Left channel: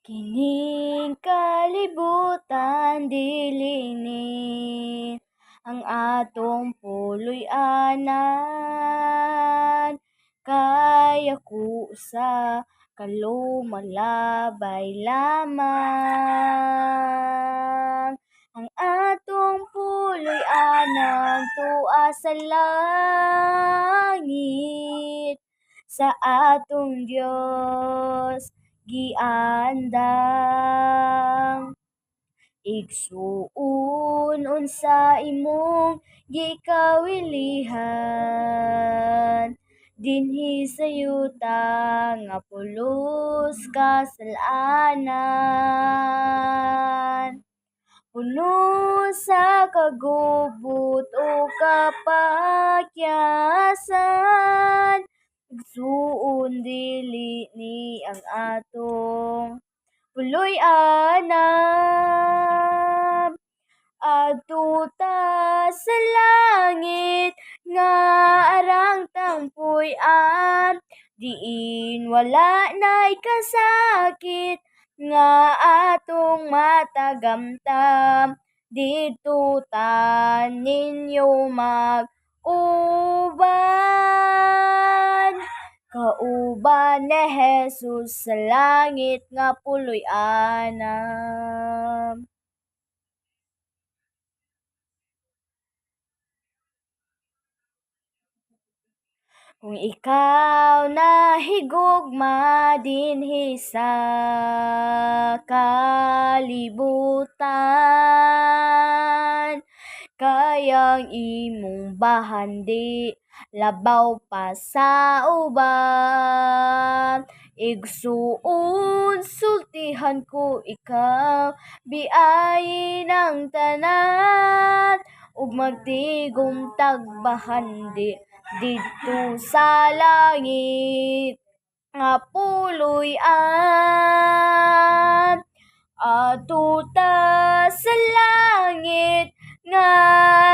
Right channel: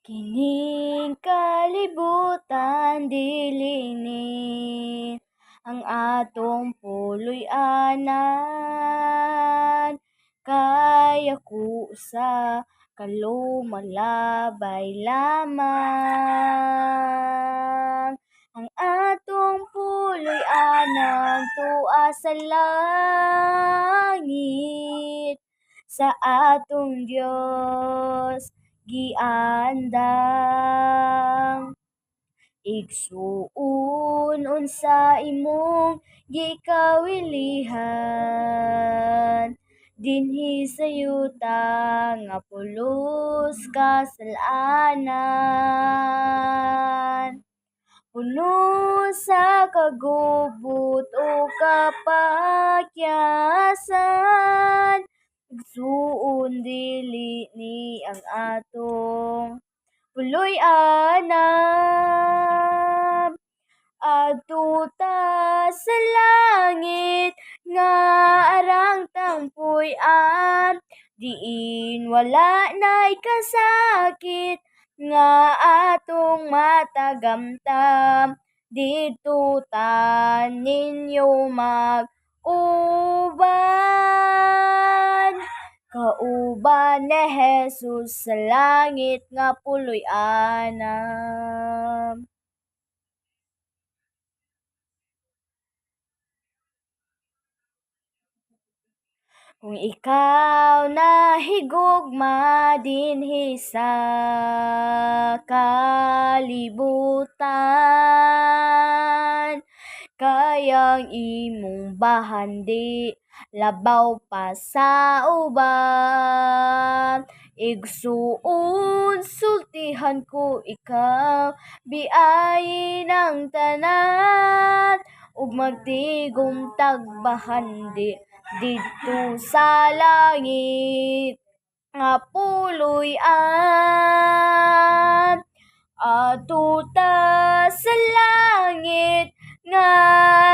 Kining kalibutan dilinin ang atong puloy-anan, kaya ko sa kalumalabay lamang. Ang atong puloy-anan tua sa langit, sa atong Dios giandang. Igsuon unsa imong gikawilihan, dinhi sa yuta nga pulos kasalanan. Puno sa kagubot o kapakyasan, igsuon dili ni ang atong puloy-anan. Adto ta sa langit nga arang tangpuy-an, diin wala nay kasakit nga atong matagamtam. Dito ta ninyo mag-uban, kauban ni Jesus sa langit nga puloy-anan. Kung ikaw nahigugma dinhi sa kalibutan, kayang imong bahandi labaw pa sa uban. Igsuon sultihan ko ikaw, biayin ang tanan, ug magtigom tagbahandi didto sa langit nga puloy-an. Adto ta sa langit nga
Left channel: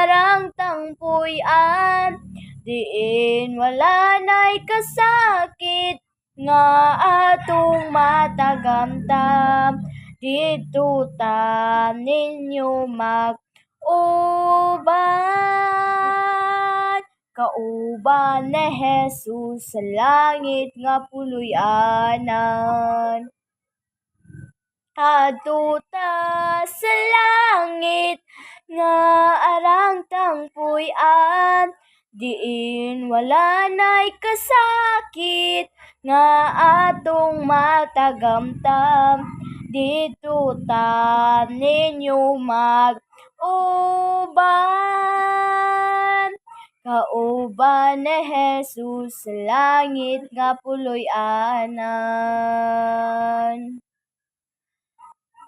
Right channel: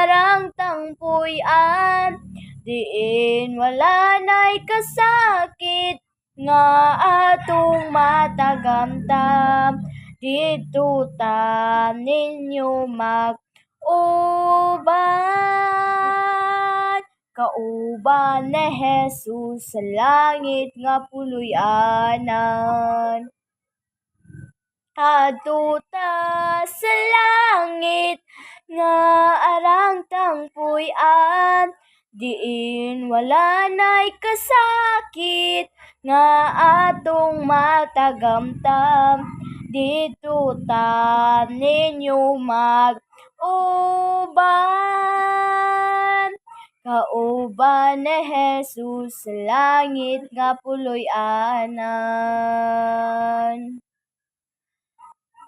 arang tangpuy-an, diin wala nay kasakit nga atong matagamtam. Dito ta ninyo mag-uban, kauban ni Jesus sa langit nga puloy-anan. Adto ta sa langit nga arang tangpuy-an, diin wala nay kasakit nga atong matagamtam. Dito ta ninyo mag-uban, kauban ni Jesus sa langit nga puloy-anan.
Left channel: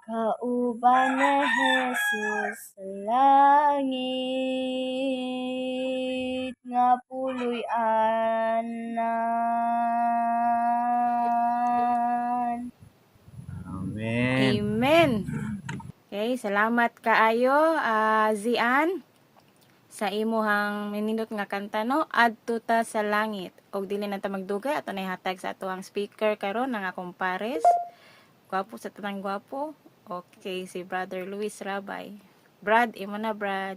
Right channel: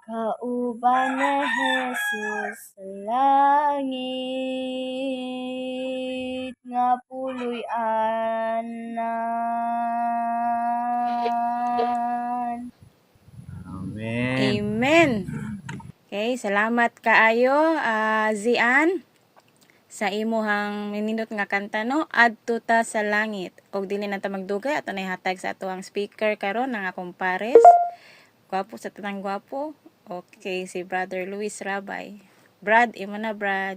Kauban ni Jesus sa langit nga puloy-anan. Amen. Amen. Okay, salamat kaayo, Zian, sa imuhang minindot nga kanta, no? Adto ta sa langit. Og dili na ta magdugay, ato na ihatag sa atuang speaker karon nga kumpares. Gwapo sa tanang gwapo. Okay, si Brother Luis Rabay. Brad, imo na, Brad.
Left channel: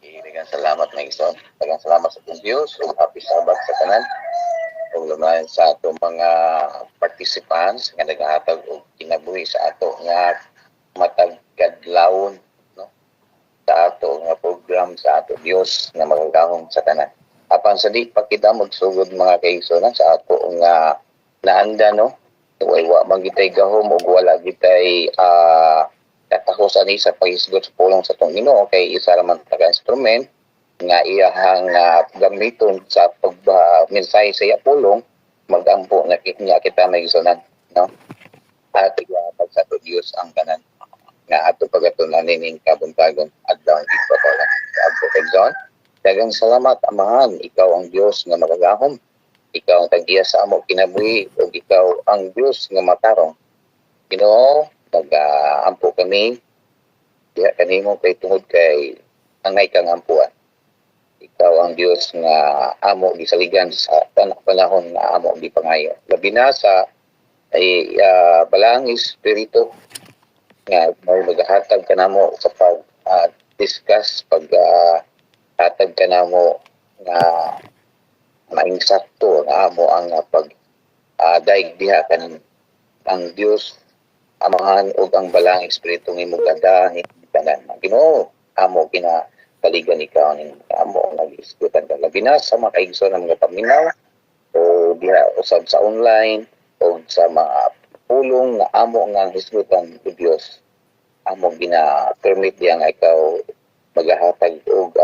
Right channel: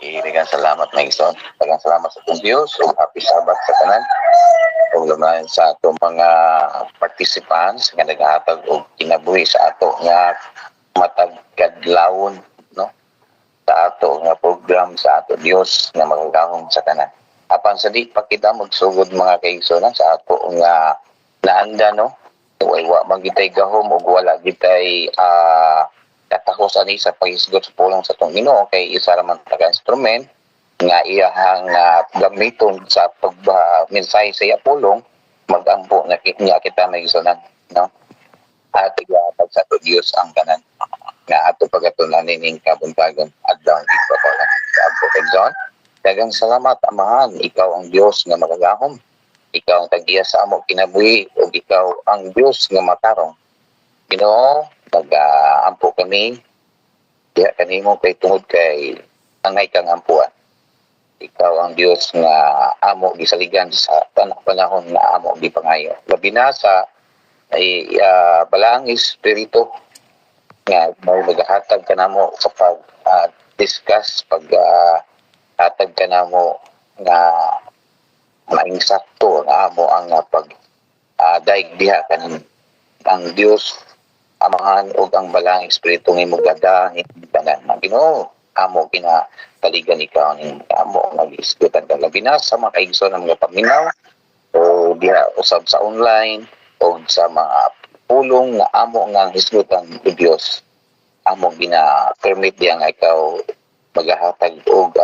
Daghang salamat na ison. Daghang salamat sa atong Dios ug happy Sabbath sa tanan. Ug lumayan sa atong mga participants nga nagahatag og kinabuhi sa ato nga matag kadlawon, no? Sa ato nga program sa ato Dios nga magagahom sa tanan. Apan sa di pa kita magsugod mga kaigsoon sa ato nga naanda, no? Wa magitay gahom ug wala gitay katahos ani sa paghisgot sa pulong sa tong Ginoo kay isa ra man taga instrument nga iyahang gamiton sa pagmensahe sa iya pulong, magampo na niya kita may isunan, no? At ihatag sa ato Dios ang tanan nga ato pagatunan ning kabuntagon adlaw ito pa lang sa ato kagson. Daghang salamat Amahan, ikaw ang Dios nga magagahom. Ikaw ang tag-iya sa amo kinabuhi ug ikaw ang Dios nga matarong. Ginoo, nag-ampo kami diha kanimo kay tungod kay angay kang ampuan. Ikaw ang Dios nga amo gisaligan sa tanang panahon nga amo gipangayo. Labi na sa ay balang espiritu nga may maghatag ka namo sa pag discuss pag hatag ka namo nga maing sakto nga amo ang pag daig diha kanin ang Dios amahan og ang balang espiritu nga imong tanan ang Ginoo amo kinataligan ikaw ning amo nag-isgutan ka labi na sa mga kaigsoon ng mga paminaw o diha usab sa online o sa mga pulong nga amo nga hisgutan ni Dios amo gina-permit diya nga ikaw maghahatag og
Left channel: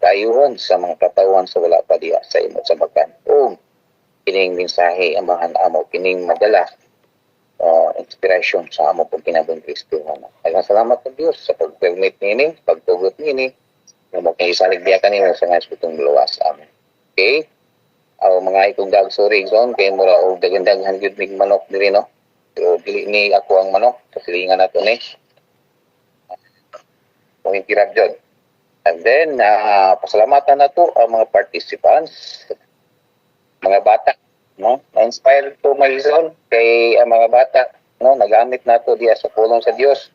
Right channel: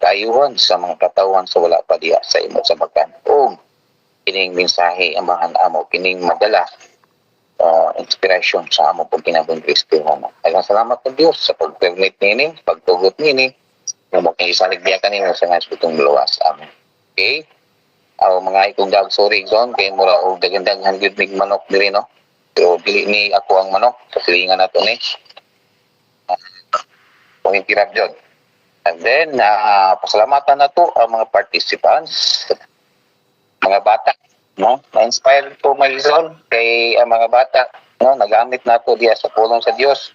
kayuhan sa mga katawan sa wala pa diha sa imo sa bakan o kining mensahe amahan amo kining madala inspiration sa amo pag kinabang Kristiyano. Daghang salamat sa Dios sa pag-permit nini, pagtugot nini, nga mo kay isalig biya kanimo sa nga espitong luwas. Amen. Okay? Aw mga ikong dag sorry zone kay mura og dagandaghan gyud mig manok diri no. Pero dili ni ako ang manok sa silingan nato ni. Kung tirap jud. And then pasalamatan nato ang mga participants, mga bata no, na-inspire ko Marizon kay ang mga bata no nagamit nato diya sa pulong sa Dios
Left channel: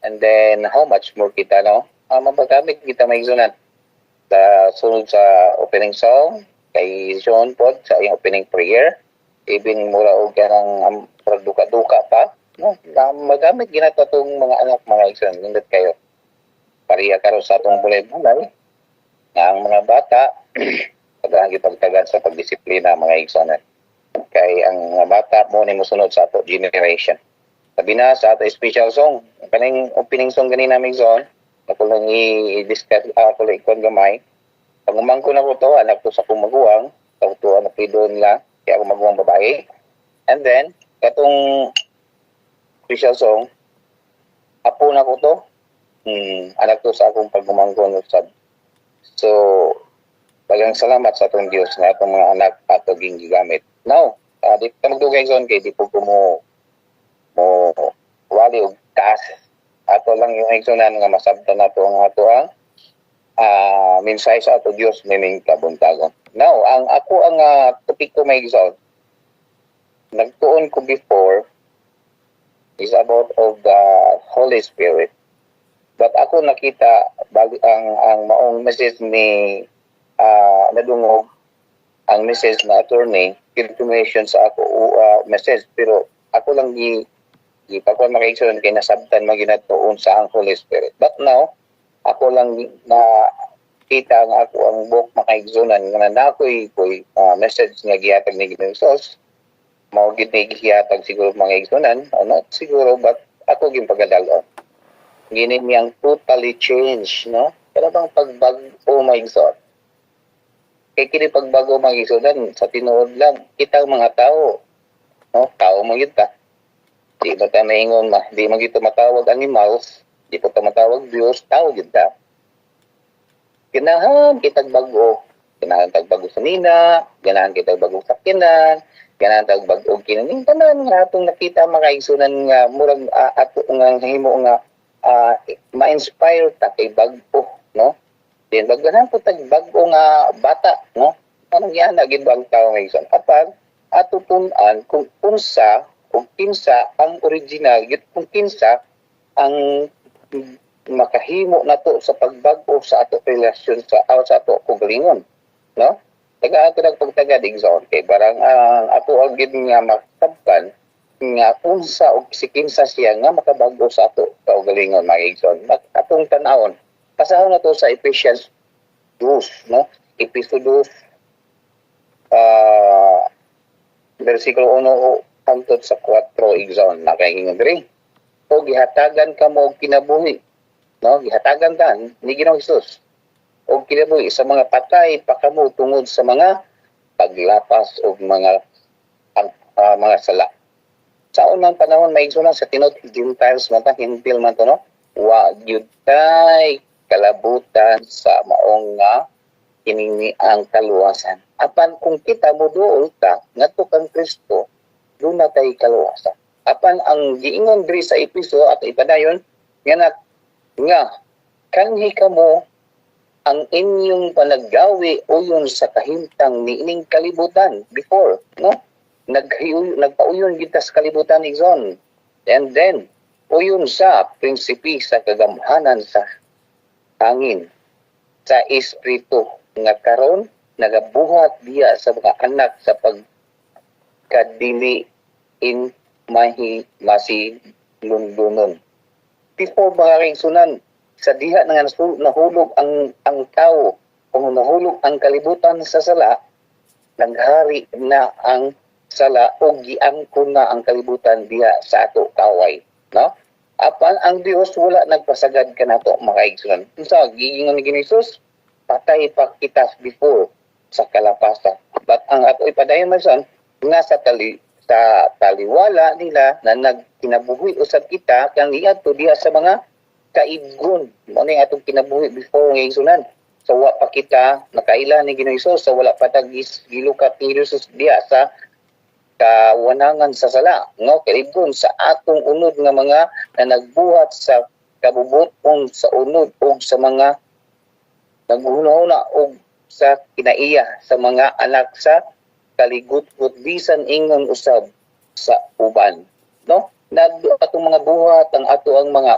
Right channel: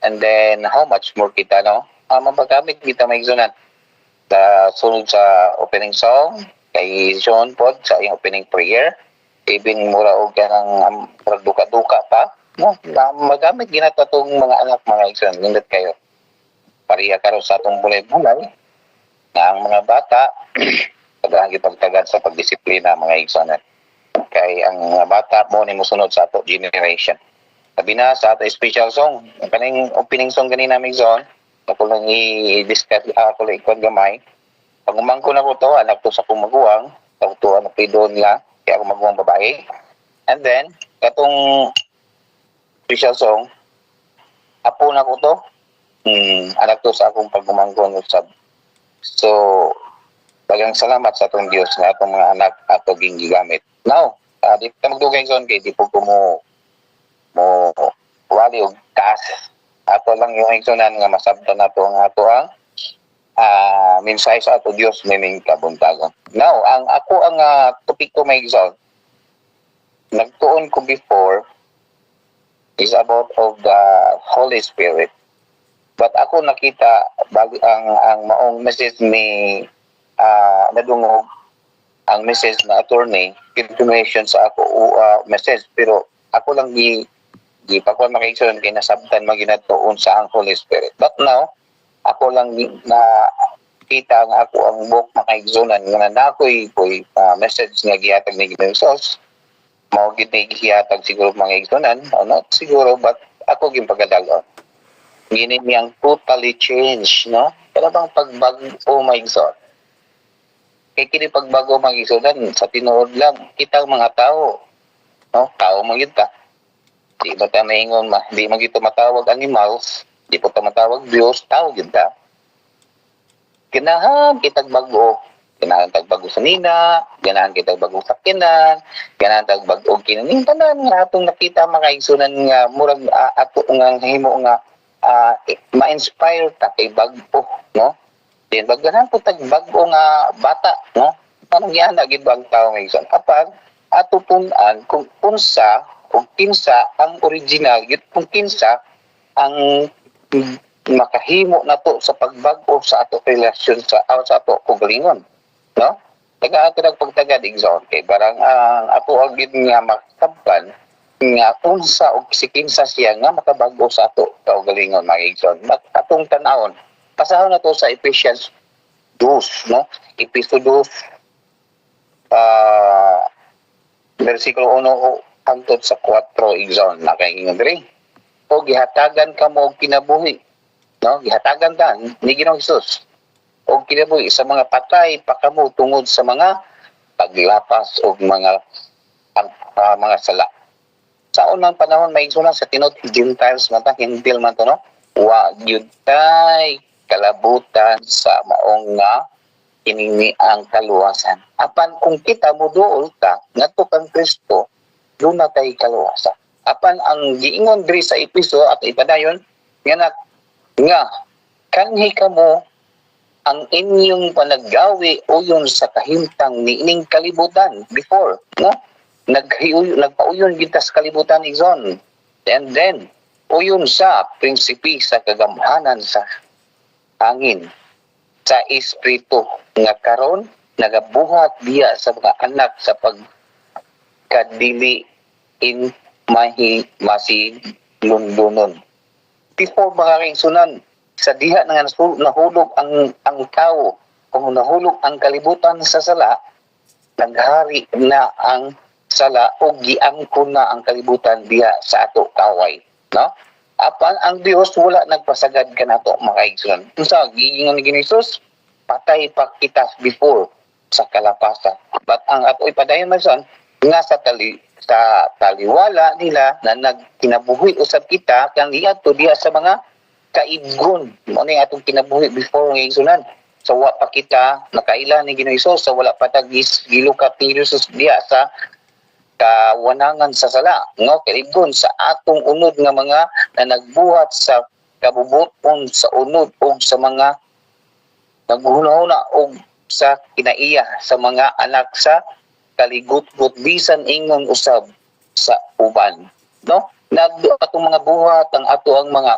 and then how much more kita no mapagamit kita Marizonan sa sunod sa opening song kay John pod sa iyang opening prayer even mura og kanang duka-duka pa no magamit ginato tong mga anak mga igsoon nindot kayo pareha karon sa atong bulay-bulay nga ang mga bata pagdaang gipagtagad sa pagdisiplina mga igsoon kay ang mga bata mo ni mosunod sa ato generation. Sabi na sa ato special song, ang kaning opening song ganina mig zone, ako lang i-discuss ako lang ikon gamay. Pag umangko na ko to, anak to sa kumaguwang, to ano pidon la, kaya ako maguwang babae. And then katong special song, apo na ko to, anak to sa akong pagumangko sa. So daghang salamat sa atong Dios nga atong mga anak ato gigamit. Now, di ka magdugay zone kay di po ko mo wali og taas. Ato lang yung igsonan nga masabtan nato ang ato ang mensahe sa ato Dios meaning kabuntagon. Now, ang ako ang topic ko may igsoon. Nagtuon ko before is about of the Holy Spirit. But ako nakita ang maong message ni nadungog ang message na attorney confirmation sa ako message pero ako lang di pa ko makaigsoon kay nasabtan maginatuon sa ang Holy Spirit but now ako lang na kita nga ako ang book makaigsonan nga nakoy message nga gihatag ni Jesus mao gid ni gihatag siguro mga igsonan o not siguro but ako gimpagadalon gini niyang totally change no kaya bang pagbago maigsoon kay kini pagbago magisudan sa tinuod lang kita mga tao no tao mo gyud ta di ba ta maingon di man gito matawag animals di po ta matawag Dios tao gyud ta kinahan kitag bago kinahan tagbago sa nina ganahan kitag bago sa kinan ganahan tagbago kinaning tanan nga atong nakita makaigsunan nga murag ato nga himo nga ma-inspire ta kay bago no. Then bagdanan po tag bago nga bata no anong yan gid bang tao nga igsoon apan ato tun-an kung unsa o kinsa ang original gid kung kinsa ang makahimo nato sa pagbago sa ato relasyon sa ato kugalingon no taga ato pagtagad igsoon kay barang ato ang gid nga makabban nga unsa og si kinsa siya nga makabago sa ato kaugalingon mga igsoon atong tan-awon pasahon na to sa Ephesians 2, no? Episodio versikulo 1 hangtod sa 4 igsoon nakaingon diri. O gihatagan kamo og kinabuhi, no? Gihatagan ta ni Ginoong Hesus og kinabuhi sa mga patay pa kamo tungod sa mga paglapas og mga sala. Sa unang panahon may igsoon sa tinod Gentiles man ta hintil man to no. Wa gyud tay kalabutan sa maong nga kinini ang kaluwasan. Apan kung kita mo dool ta ngadto kang Kristo, doon na tay kaluwasan. Apan ang giingon diri sa episo at ipadayon nga kanhi kamo ang inyong panaggawi uyon sa kahimtang niining kalibutan before, no? nagpauyon kita sa kalibutan igsoon. And then uyon sa prinsipi sa kagamhanan sa hangin sa espiritu nga karon nagabuhat diya sa mga anak sa pagkadili in masilundunon. Before mga kaigsunan, sa diha nga nahulog ang tao, kung nahulog ang kalibutan sa sala, naghari na ang sala o giangkon na ang kalibutan diha sa ato kaway, no? Apan ang Dios wala nagpasagad kanato mga kaigsunan. Unsa giingon ni Jesus? Patay pa kita before sa kalapasan. But ang ato ipadayon man son nga sa taliwala nila na nagkinabuhi usab kita kang iadto diha sa mga kaidgon. Mo ni atong kinabuhi before nga igsunan. Sa wa pa kita nakaila ni Ginoong Hesus, sa wala pa tagis gilukat ni Jesus diha sa kawanangan sa sala, no? Kaidgon sa atong unod nga mga na nagbuhat sa kabubuton sa unod o sa mga naghunahuna o sa kinaiya sa mga anak sa kaligut-gut bisan ingon usab sa uban, no? Atong mga buhat ang ato ang mga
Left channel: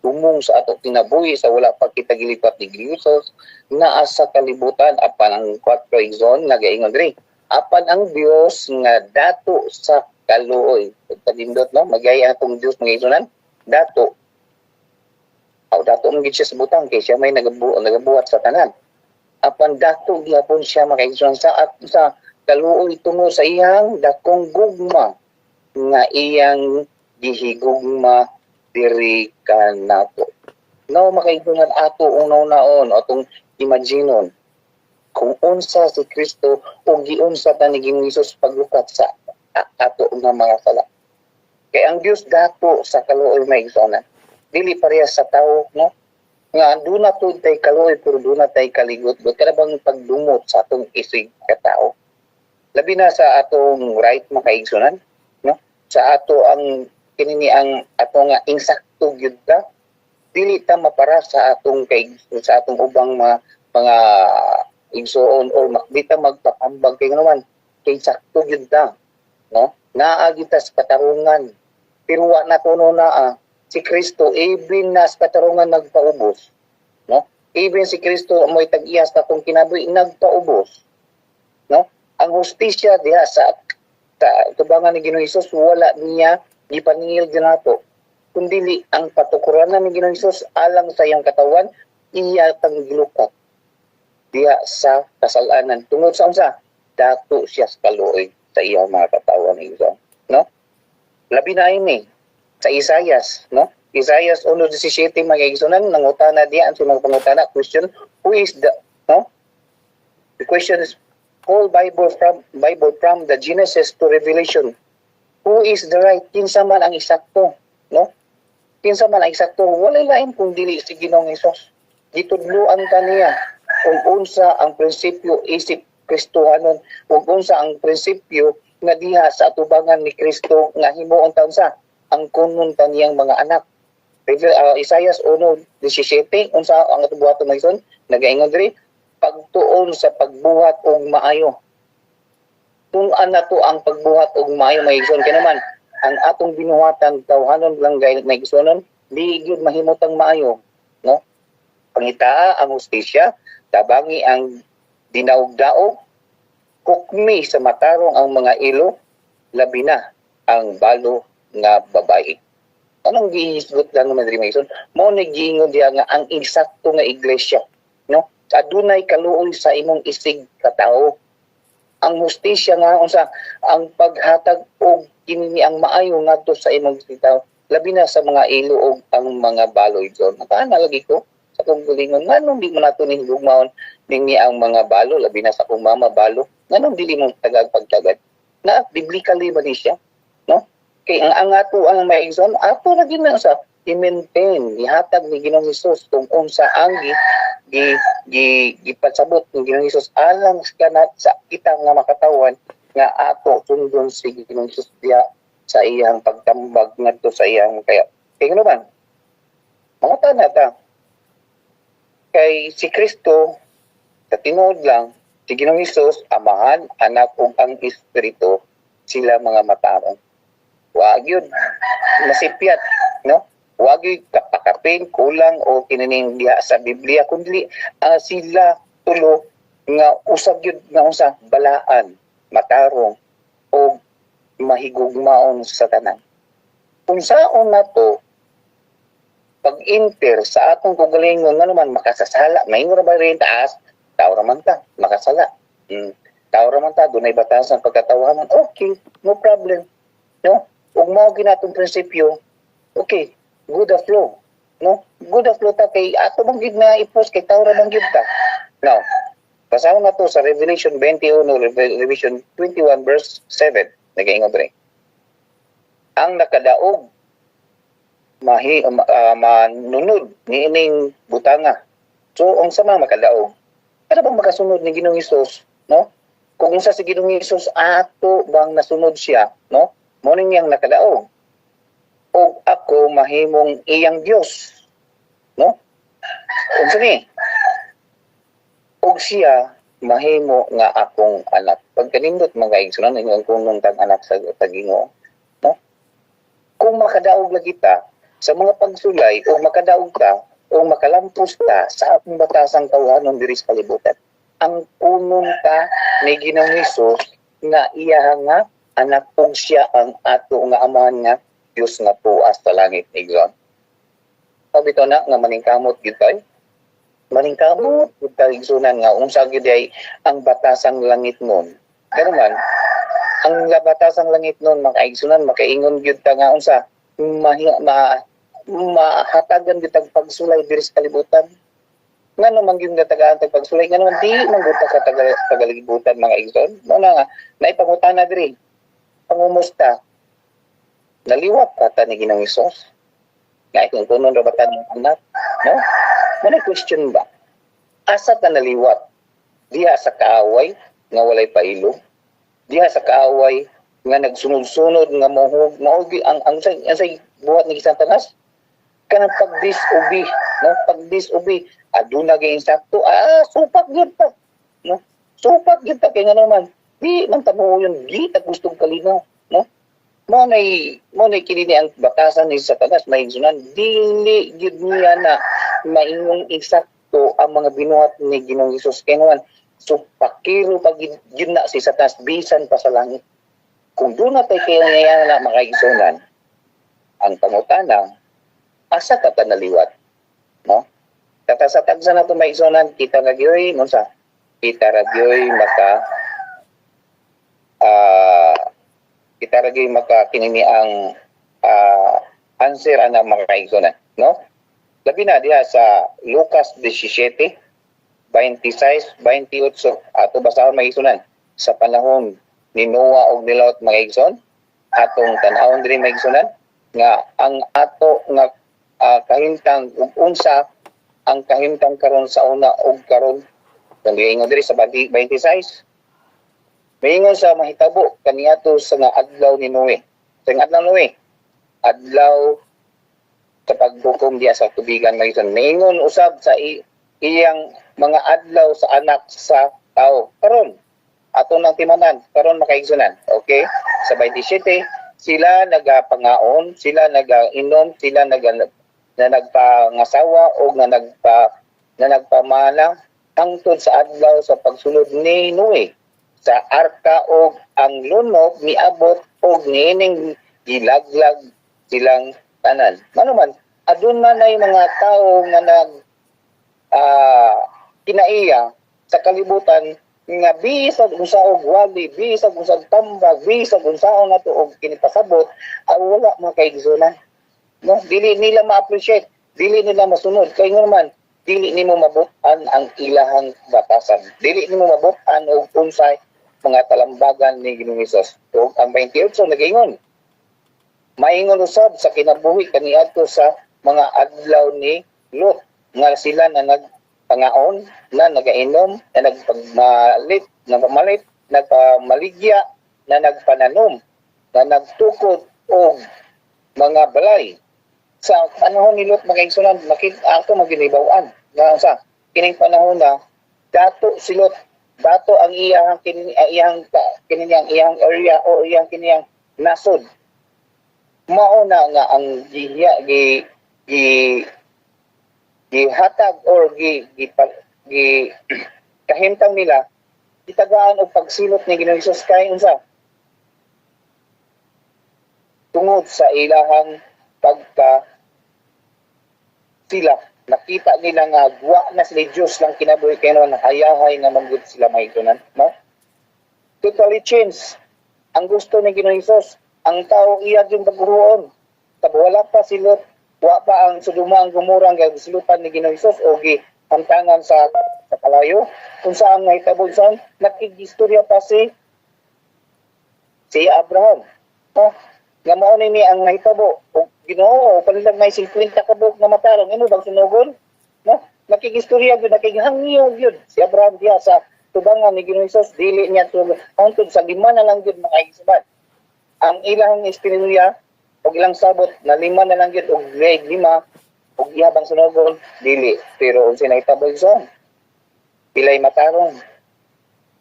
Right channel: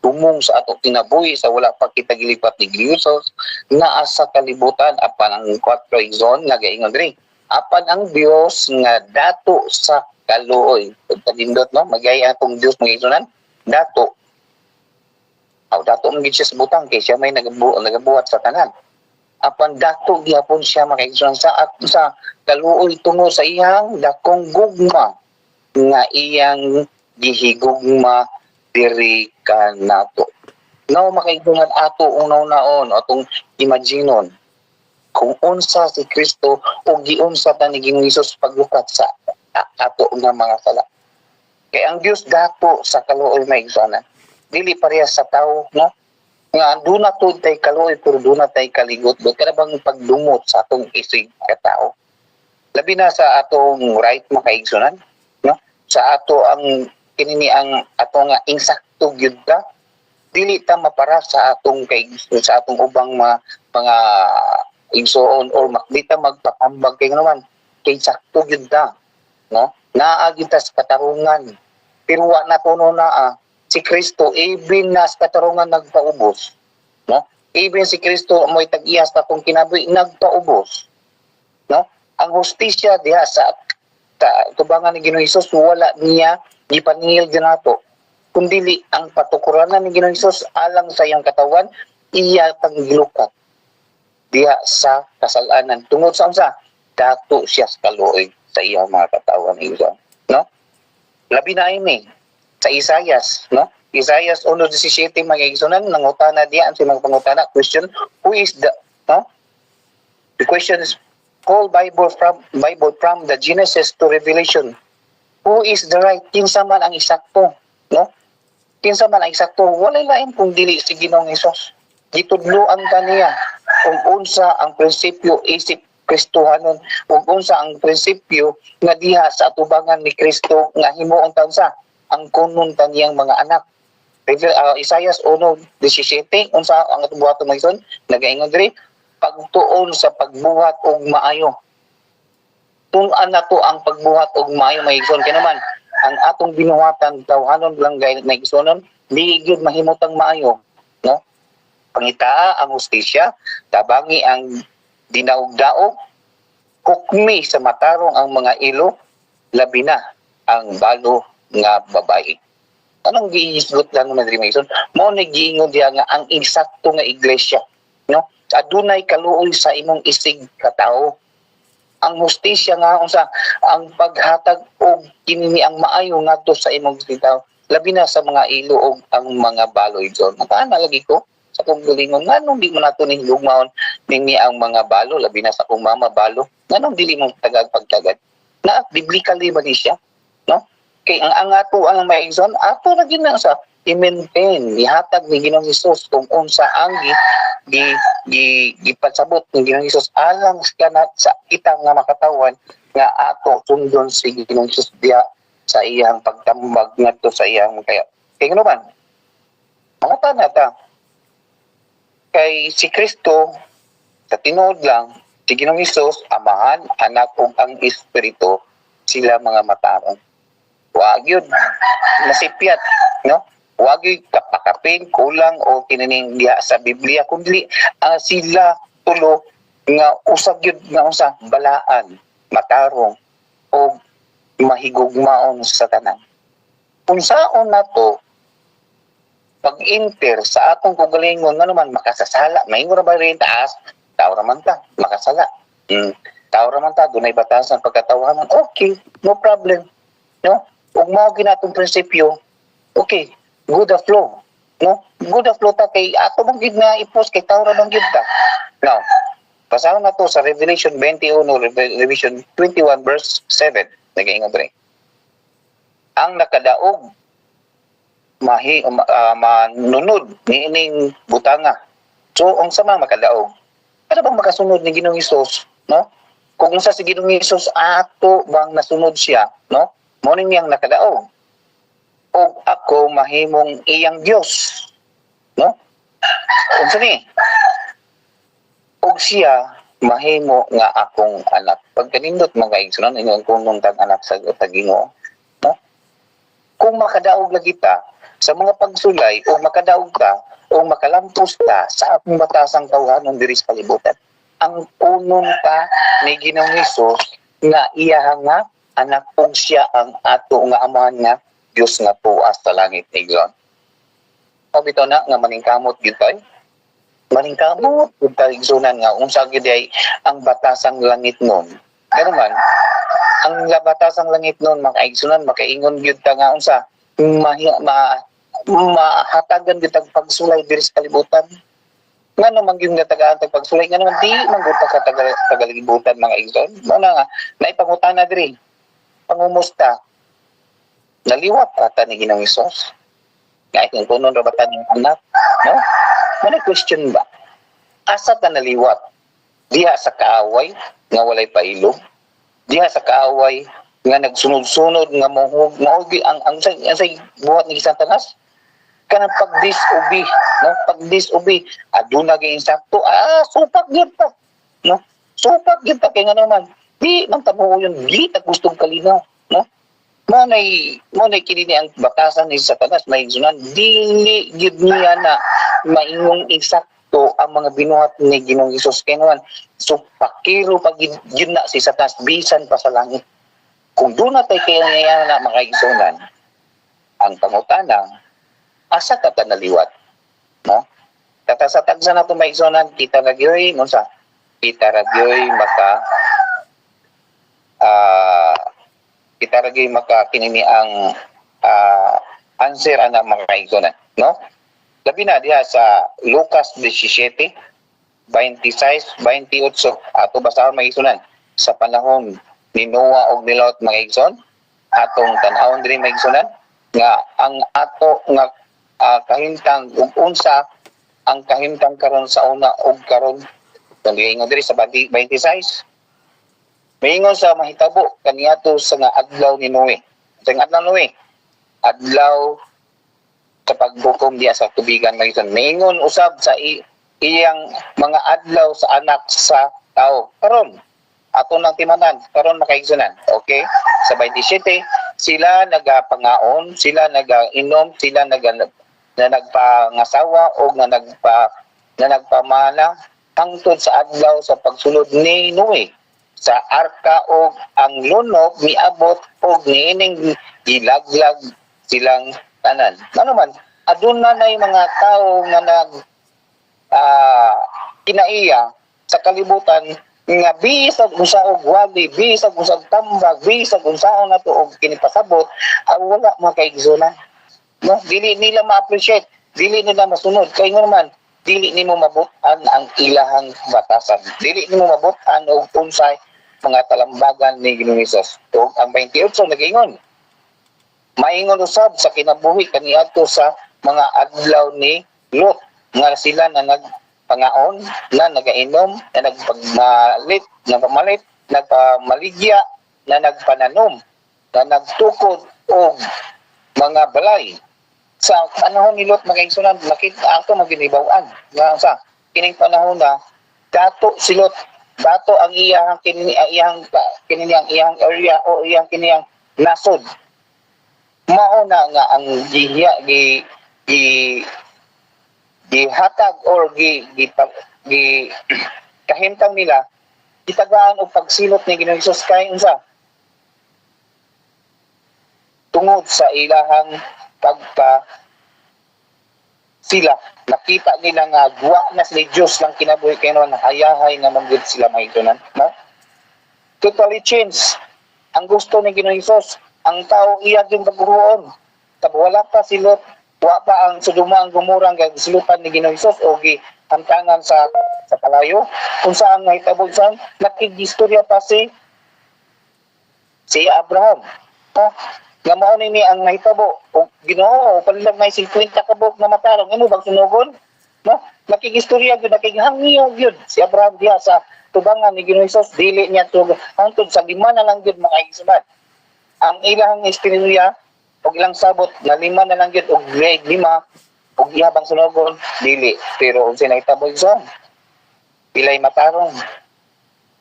tumong sa ato kinabuhi sa wala pa kita gilipat ni Jesus naa sa kalibutan apan ang 4 igsoon nagaingon diri apan ang Dios nga dato sa kaluoy pagdindot no magaya atong Dios mga igsoonan dato dato man gid siya sa butang kay siya may nagabuhat sa tanan apan dato gyapon siya makaigsoon sa kaluoy tungod sa iyang dakong gugma nga iyang gihigugma diri kanato. Now makaigsunan ato unaw-naon atong imaginon kung unsa si Kristo o giunsa ta ni Ginoong Hesus paglukat sa ato nga mga sala. Kay ang Dios dato sa kaluoy maigsunan. Dili parehas sa tao, no? Nga duna to tay kaluoy pero duna tay kaligot. Kada bang pagdumot sa atong isig ka tao. Labi na sa atong right makaigsunan, no? Sa ato ang kinini ang ato nga insakto gyud ta dili ta mapara sa atong sa atong ubang mga igsoon or di ta magpatambag kay naman kay sakto gyud ta no naa gyud ta sa katarungan pero wa na kuno na si Kristo even na sa katarungan nagpaubos no even si Kristo mo'y tag-iyas ta kung kinabuhi nagpaubos no ang hustisya diha sa tubangan ni Ginoong Hesus wala niya gipaningil ginato kundili ang patukuranan ni Ginoong Hesus alang sa iyang katawan iya tang gilukat diha sa kasalanan tungod sa unsa dato siya sa kaluoy sa iyang mga katawan no labi na ini sa Isaias no Isaias 1:17 mga igsunan nangutana diha ang mga pangutana question who is the no the question is whole Bible from the Genesis to Revelation. Who is the right? Kinsa man ang eksakto, no? Kinsa man ang eksakto, walay lain kung dili si Ginoong Hesus. Gitudloan ta niya kung unsa ang prinsipyo isip Kristohanon, kung unsa ang prinsipyo nga diha sa atubangan ni Kristo nga himuon taon sa ang kunon ta niyang mga anak. Isaiah 1:17 unsa ang atubuhaton mga ison nagaingon diri pagtuon sa pagbuhat og maayo. Tun-an na to ang pagbuhat og maayo may igsoon kay naman ang atong binuhatan tawhanon lang gayud may igsoonon di gyud mahimutang maayo no pangitaa ang hustisya tabangi ang dinaog-daog hukmi sa matarong ang mga ilo labi na ang balo nga babae anong gihisgot lang naman diri may igsoon mo ni giingon diha nga ang eksakto nga iglesia no adunay kaluoy sa imong isig ka tawo ang hustisya nga unsa ang paghatag og kinini ang maayo ngadto sa imong bitaw labi na sa mga ilo og ang mga baloy don makaana lagi ko sa kong gulingon nganong di mo nato ni hugmaon nini ang mga balo labi na sa kong mama balo nganong dili mo tagag pagtagad na biblically ba ni siya no kay ang ato ang maigsoon ato ra gid na sa i-maintain ihatag ni Ginoong Hesus kung unsa ang gipasabot ni Ginoong Hesus alang sa kita nga makatawan nga ato sundon si Ginoong Hesus diya sa iyang pagtambag ngadto sa iyang kaya ano man mga tanata kay si Kristo sa tinuod lang si Ginoong Hesus amahan anak ug ang espiritu sila mga matarong. Wag yun masipyat, no? Wag yun kapakapin, kulang o kinaning diha sa Biblia, kundi sila tulo nga usag yun nga usa balaan, matarong o mahigugmaon sa tanan. Kung saon na to pag-enter sa atong kugalingon nga naman makasasala, may ra ba rin taas, tao raman ta, makasala. Tao raman ta, dunay batasan pagkatawanan, okay, no problem. No? Ug mao ginatong prinsipyo, okay, good the flow. No? Good the flow ta kay ato bang gid na i-post kay tao raman gid ta. Now, basahan na to sa Revelation 21, Revelation 21 verse 7. Nagaingon rin. Ang nakadaog manunod ni ining butanga. So, ang sama makadaog. Para bang makasunod ni Ginoong Hesus, no? Kung unsa si Ginoong Hesus ato bang nasunod siya, no? Mo ning yang nakadaog. Og ako mahimong iyang Dios, no? Unsa ni? Og siya mahimo nga akong anak. Pagkanindot mga igsunan ingon kung tag anak sa Ginoo, no? Kung makadaog lagi ta sa mga pagsulay o makadaog ka o makalampos ka sa atong batasang tawhanon diri sa kalibutan, ang punon ka ni Ginoong Hesus nga iya nga anak og siya ang ato nga amahan nga Dios nga tuas sa langit igsoon. O bitaw na nga maningkamot gyud tay. Maningkamot gyud tay igsunan nga unsa gyud ay ang batasang langit nun. Pero man ang batasang langit nun makaigsunan makaingon gyud ta nga unsa mahatagan gyud tag pagsulay diri sa kalibutan. Ngano man gyud natagaan tag pagsulay ngano man di man gyud ta sa tagalibutan mga igsoon. Mo na nga naipangutana diri. Pangumusta? Naliwat ka ni Ginoong Hesus? Nga itong punon ra ba ng anak? No? May question ba? Asa ta naliwat? Diha sa kaaway nga walay pailog? Diha sa kaaway nga nagsunod-sunod nga mohug ang say buhat ni Satanas? Kanang pag-disobey, no? Pag-disobey, aduna gyud insakto, supak gyud ta. No? Supak gyud ta kay nga naman. Di man tamo yun, di ta gustong kalinaw, no? Mo nay kini ang batasan ni Satanas maigsunan, dili gid niya na maingong eksakto ang mga binuhat ni Ginoong Hesus kay naman so pakiro pag yun na si Satanas bisan pa sa langit. Kung doon na tayo kaya na makaigsunan, ang pangutana, asa ka naliwat, no? Tatasatag sa nato maigsunan, kita nagyoy, no sa kita radyoy kita ragi makakinini ang answer ana mga kaigsunan, no? Labi na diha sa Lucas 17, 26, 28 ato basahon mga igsunan sa panahon ni Noah og ni Lot mga igsoon atong tan-awon diri mga igsunan nga ang ato nga kahimtang ug unsa ang kahimtang karon sa una og karon kaniingon diri sa 26 Maingon sa mahitabo kaniadto sa nga adlaw ni Noe. Sa adlaw Noe, adlaw sa pagbukom diya sa tubigan mayson. Maingon usab sa iyang mga adlaw sa anak sa tao. Karon ato nang timanan, karon makaigsunan. Okay? Sa 27, sila nagapangaon, sila nagainom, sila nagpangasawa o nagpamana hangtod sa adlaw sa pagsulod ni Noe. Sa arka o ang lunok niabot o niining gilaglag silang tanan. Ano man, aduna na mga tao nga kinaiya sa kalibutan nga bisag unsa og wali, bisag unsa tambag, bisag unsaon nato og kinipasabot, wala makaigsunan. No, dili nila ma-appreciate, dili nila masunod kay naman dili nimo mabutan ang ilahang batasan. Dili nimo mabutan og unsay mga talambagan ni Ginoong Hesus. So, ang 28 nag-ingon. Maingon usab sa kinabuhi kaniadto sa mga adlaw ni Lot nga sila na nagpangaon, na nagainom, na nagpamalit, nagpamaligya, na nagpananom, na nagtukod og mga balay. Sa panahon ni Lot mga igsunan, makita ato maginibaw-an. Nga sa kining panahon na dato si Lot bato ang iyang iyang area o iyang kiniyang nasod. Mao na nga ang gihatag or gi kahimtang nila gitagaan og pagsilot ni Ginoong Hesus kay unsa tungod sa ilahang pagka sila nakita nila nga guwa na sila Diyos lang kinabuhi kay naman hayahay nga manggod sila maigsunan, no? Totally change ang gusto ni Ginoong Hesus. Ang tao iya yung pagbuhuon. Wala pa silot, wa pa ang Sodoma ang Gomora nga silutan ni Ginoong Hesus o gihantangan sa kalayo. Kung saan nga hitabo saan nakigistorya pa si Abraham. Ha? Nga mao ni ang nahitabo o Ginoo panilang may 50 kabuk na matarong imo bang sunugon, no? Nakigistorya gyud nakighangiyo gyud si Abraham diha sa tubangan ni Ginoong Hesus dili niya to hangtod sa 5 na lang gyud mga igsuman. Ang ilang istorya og ilang sabot na 5 na lang gyud og grade 5 og ihabang sunugon dili, pero unsay nahitabo gyud pilay matarong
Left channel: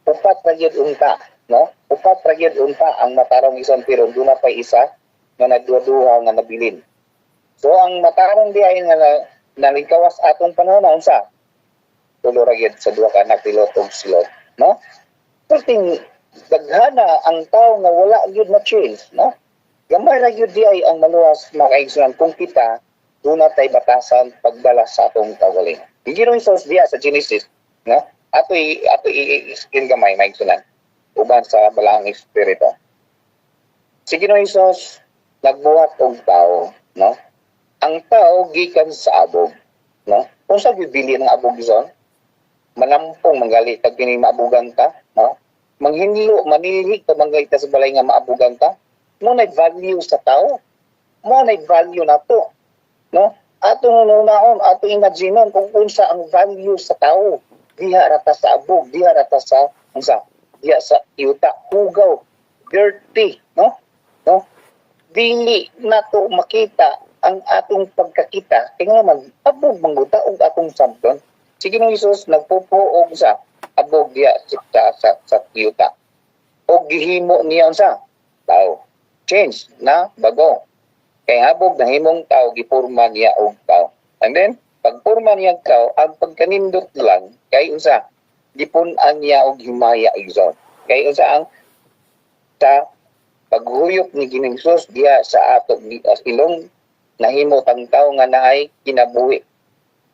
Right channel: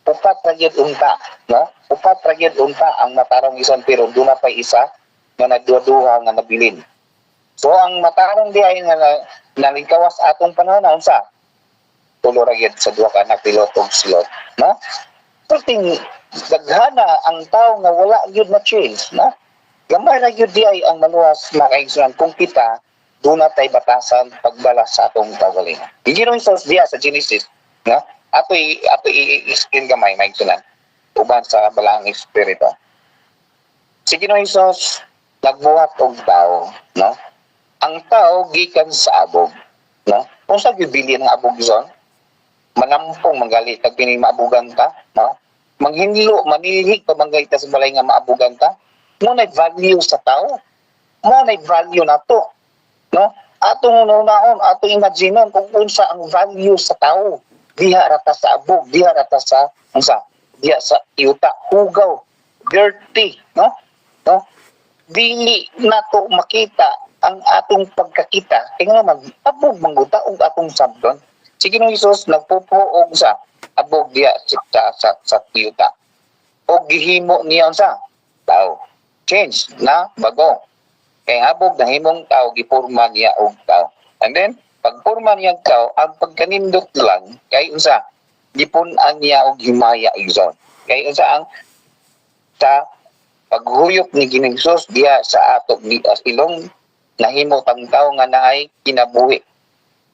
upat ra gyud unta, no? Upat ra gyud unta ang matarong ison pero duna pa isa nga nagduha nga nabilin. So ang matarong di ay nga nalingkawas atong panahon na unsa? Tulo ra gyud sa duha ka anak pilot og silot, no? Perting daghana ang tao nga wala gyud na change, no? Gamay ra gyud di ay ang maluwas makaigsunan kung kita duna tay batasan pagbalas sa atong kaugalingon. Ginoong Hesus diha sa Genesis, no? Ato i-skin gamay maigsunan uban sa balaang espiritu. Si Ginoong Hesus nagbuhat og tao, no? Ang tao gikan sa abog, no? Kung sa gibili ng abog zon, manampong manggali kag kini maabugan ka, no? Manghinlo, manilhig pa manggali ta sa balay nga maabugan ka. Mo na value sa tao. Mo na value nato, no? Atong unaon, atong imagineon kung unsa ang value sa tao. Diha rata sa abog, diha rata sa unsa? Diha sa yuta, hugaw, dirty, no? No? Dili nato makita ang atong pagkakita kay nga mag-abog mangguta og atong sabton. Si Ginoong Hesus nagpupuog sa abog diya sa yuta. Og gihimo niya unsa? Tao. Change na bago. Kay abog nahimong tao gipurma niya og tao. And then pagpurma niya og tao, ang pagkanindot lang kay unsa? Gipun-an niya og himaya igsoon. Kay unsa ang sa paghuyop ni Ginoong Hesus diya sa ato ni ilong nahimo tang tao nga naay kinabuhi.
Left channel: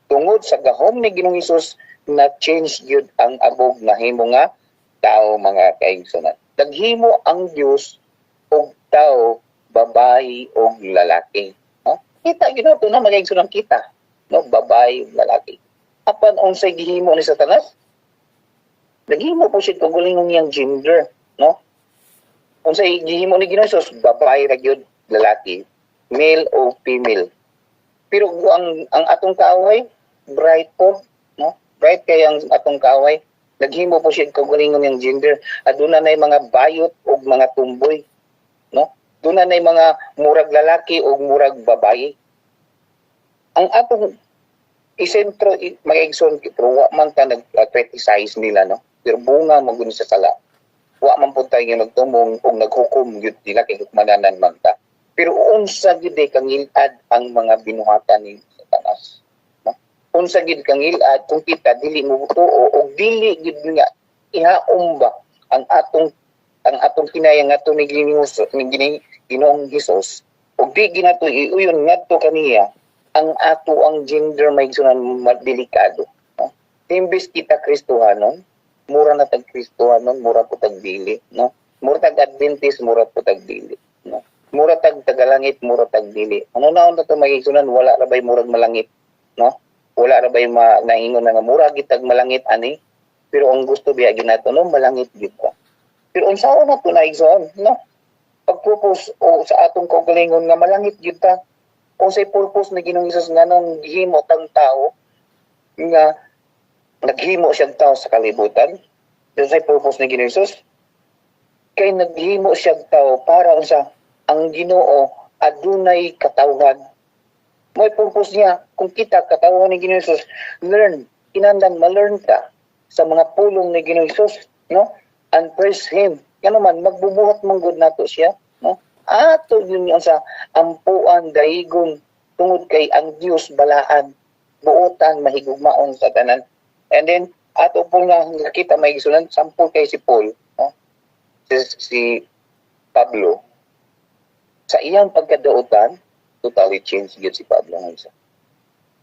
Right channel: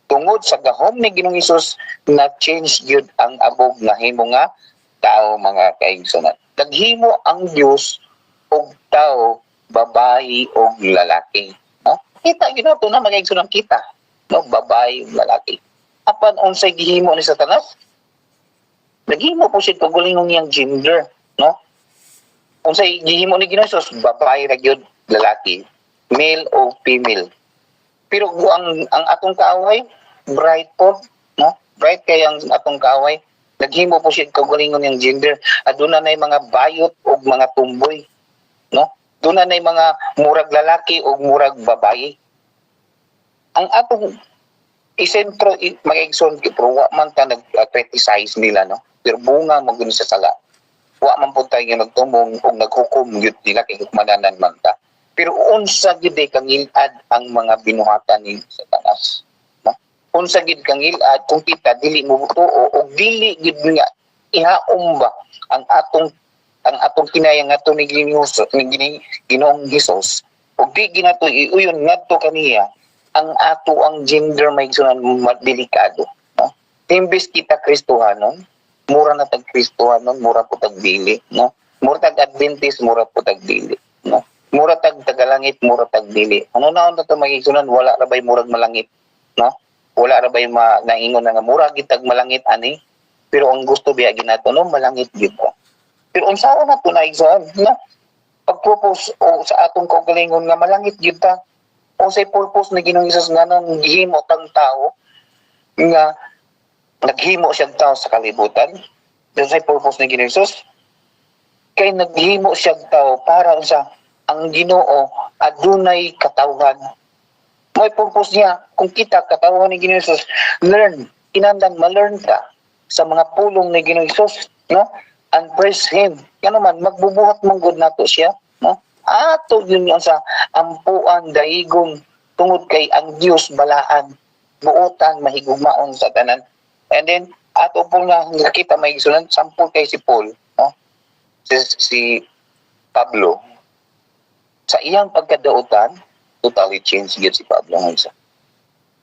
Tungod sa gahom ni Ginoong Hesus na change gyud ang abog nahimo nga tao mga kaigsunan. Naghimo ang Dios og tao babayi og lalaki. No? Kita gyud nato na magaigsunan kita, no, babayi ug lalaki. Apan unsay gihimo ni Satanas? Naghimo po siya kagulingong niyang gender, no? Unsay gihimo ni Ginoong Hesus, babae ra gyud lalaki, male o female. Pero ang atong kaaway bright po, no? Bright kay ang atong kaaway. Naghimo po siya kagalingon ng gender. Aduna nay mga bayot o mga tumboy, no? Aduna nay mga murag lalaki o murag babae. Ang atong isentro mag-igsoon pero wa man ta nag-criticize nila, no? Pero bunga mo gud sa sala. Wa man pud tayo nagtumong o naghukom gyud nila kay kumananan man ta. Pero unsa gid kang ilad ang mga binuhatan ni Satanas, no? Unsa gid kang ilad kung kita dili mo tuo o dili gid nga ihaom ba ang atong kinayang ato ni Ginoong Hesus o di ginato iuyon ngadto kaniya ang ato ang gender may sunan delikado, no? Imbes kita Kristohanon, mura na tag Kristohanon, mura po tag dili, no? Mura tag Adventist, mura po tag dili, no? Mura tag tagalangit, mura tag dili. Ano na ito magigsunan, wala ra bay murag malangit, no? Wala ra bay naingon na nga mura gid tag malangit ani. Pero ang gusto biya ginato no malangit gid ko. Pero unsa na to naigsoon, no? Pag-propose o sa atong kaugalingon nga malangit gid ta. O say purpose ni Ginoong Hesus nga nung gihimo tang tao nga naghimo siya tao sa kalibutan. Dahil say purpose ni Ginoong Hesus kay naghimo siya tao para sa ang Ginoo adunay katawhan. May purpose niya kung kita katawhan ni Ginoong Hesus, learn, kinahanglan ma-learn ka sa mga pulong ni Ginoong Hesus, no? And praise Him. Yan naman, magbubuhat mong good nato siya, no? Ato yun yun sa ampuan, daigon, tungod kay ang Diyos balaan, buotan, mahigugmaon sa tanan. And then, ato po nga nakita may gisunan, sampul kay si Paul, no? Si Pablo, sa iyang pagkadautan, totally changed yun si Pablo ngayon sa.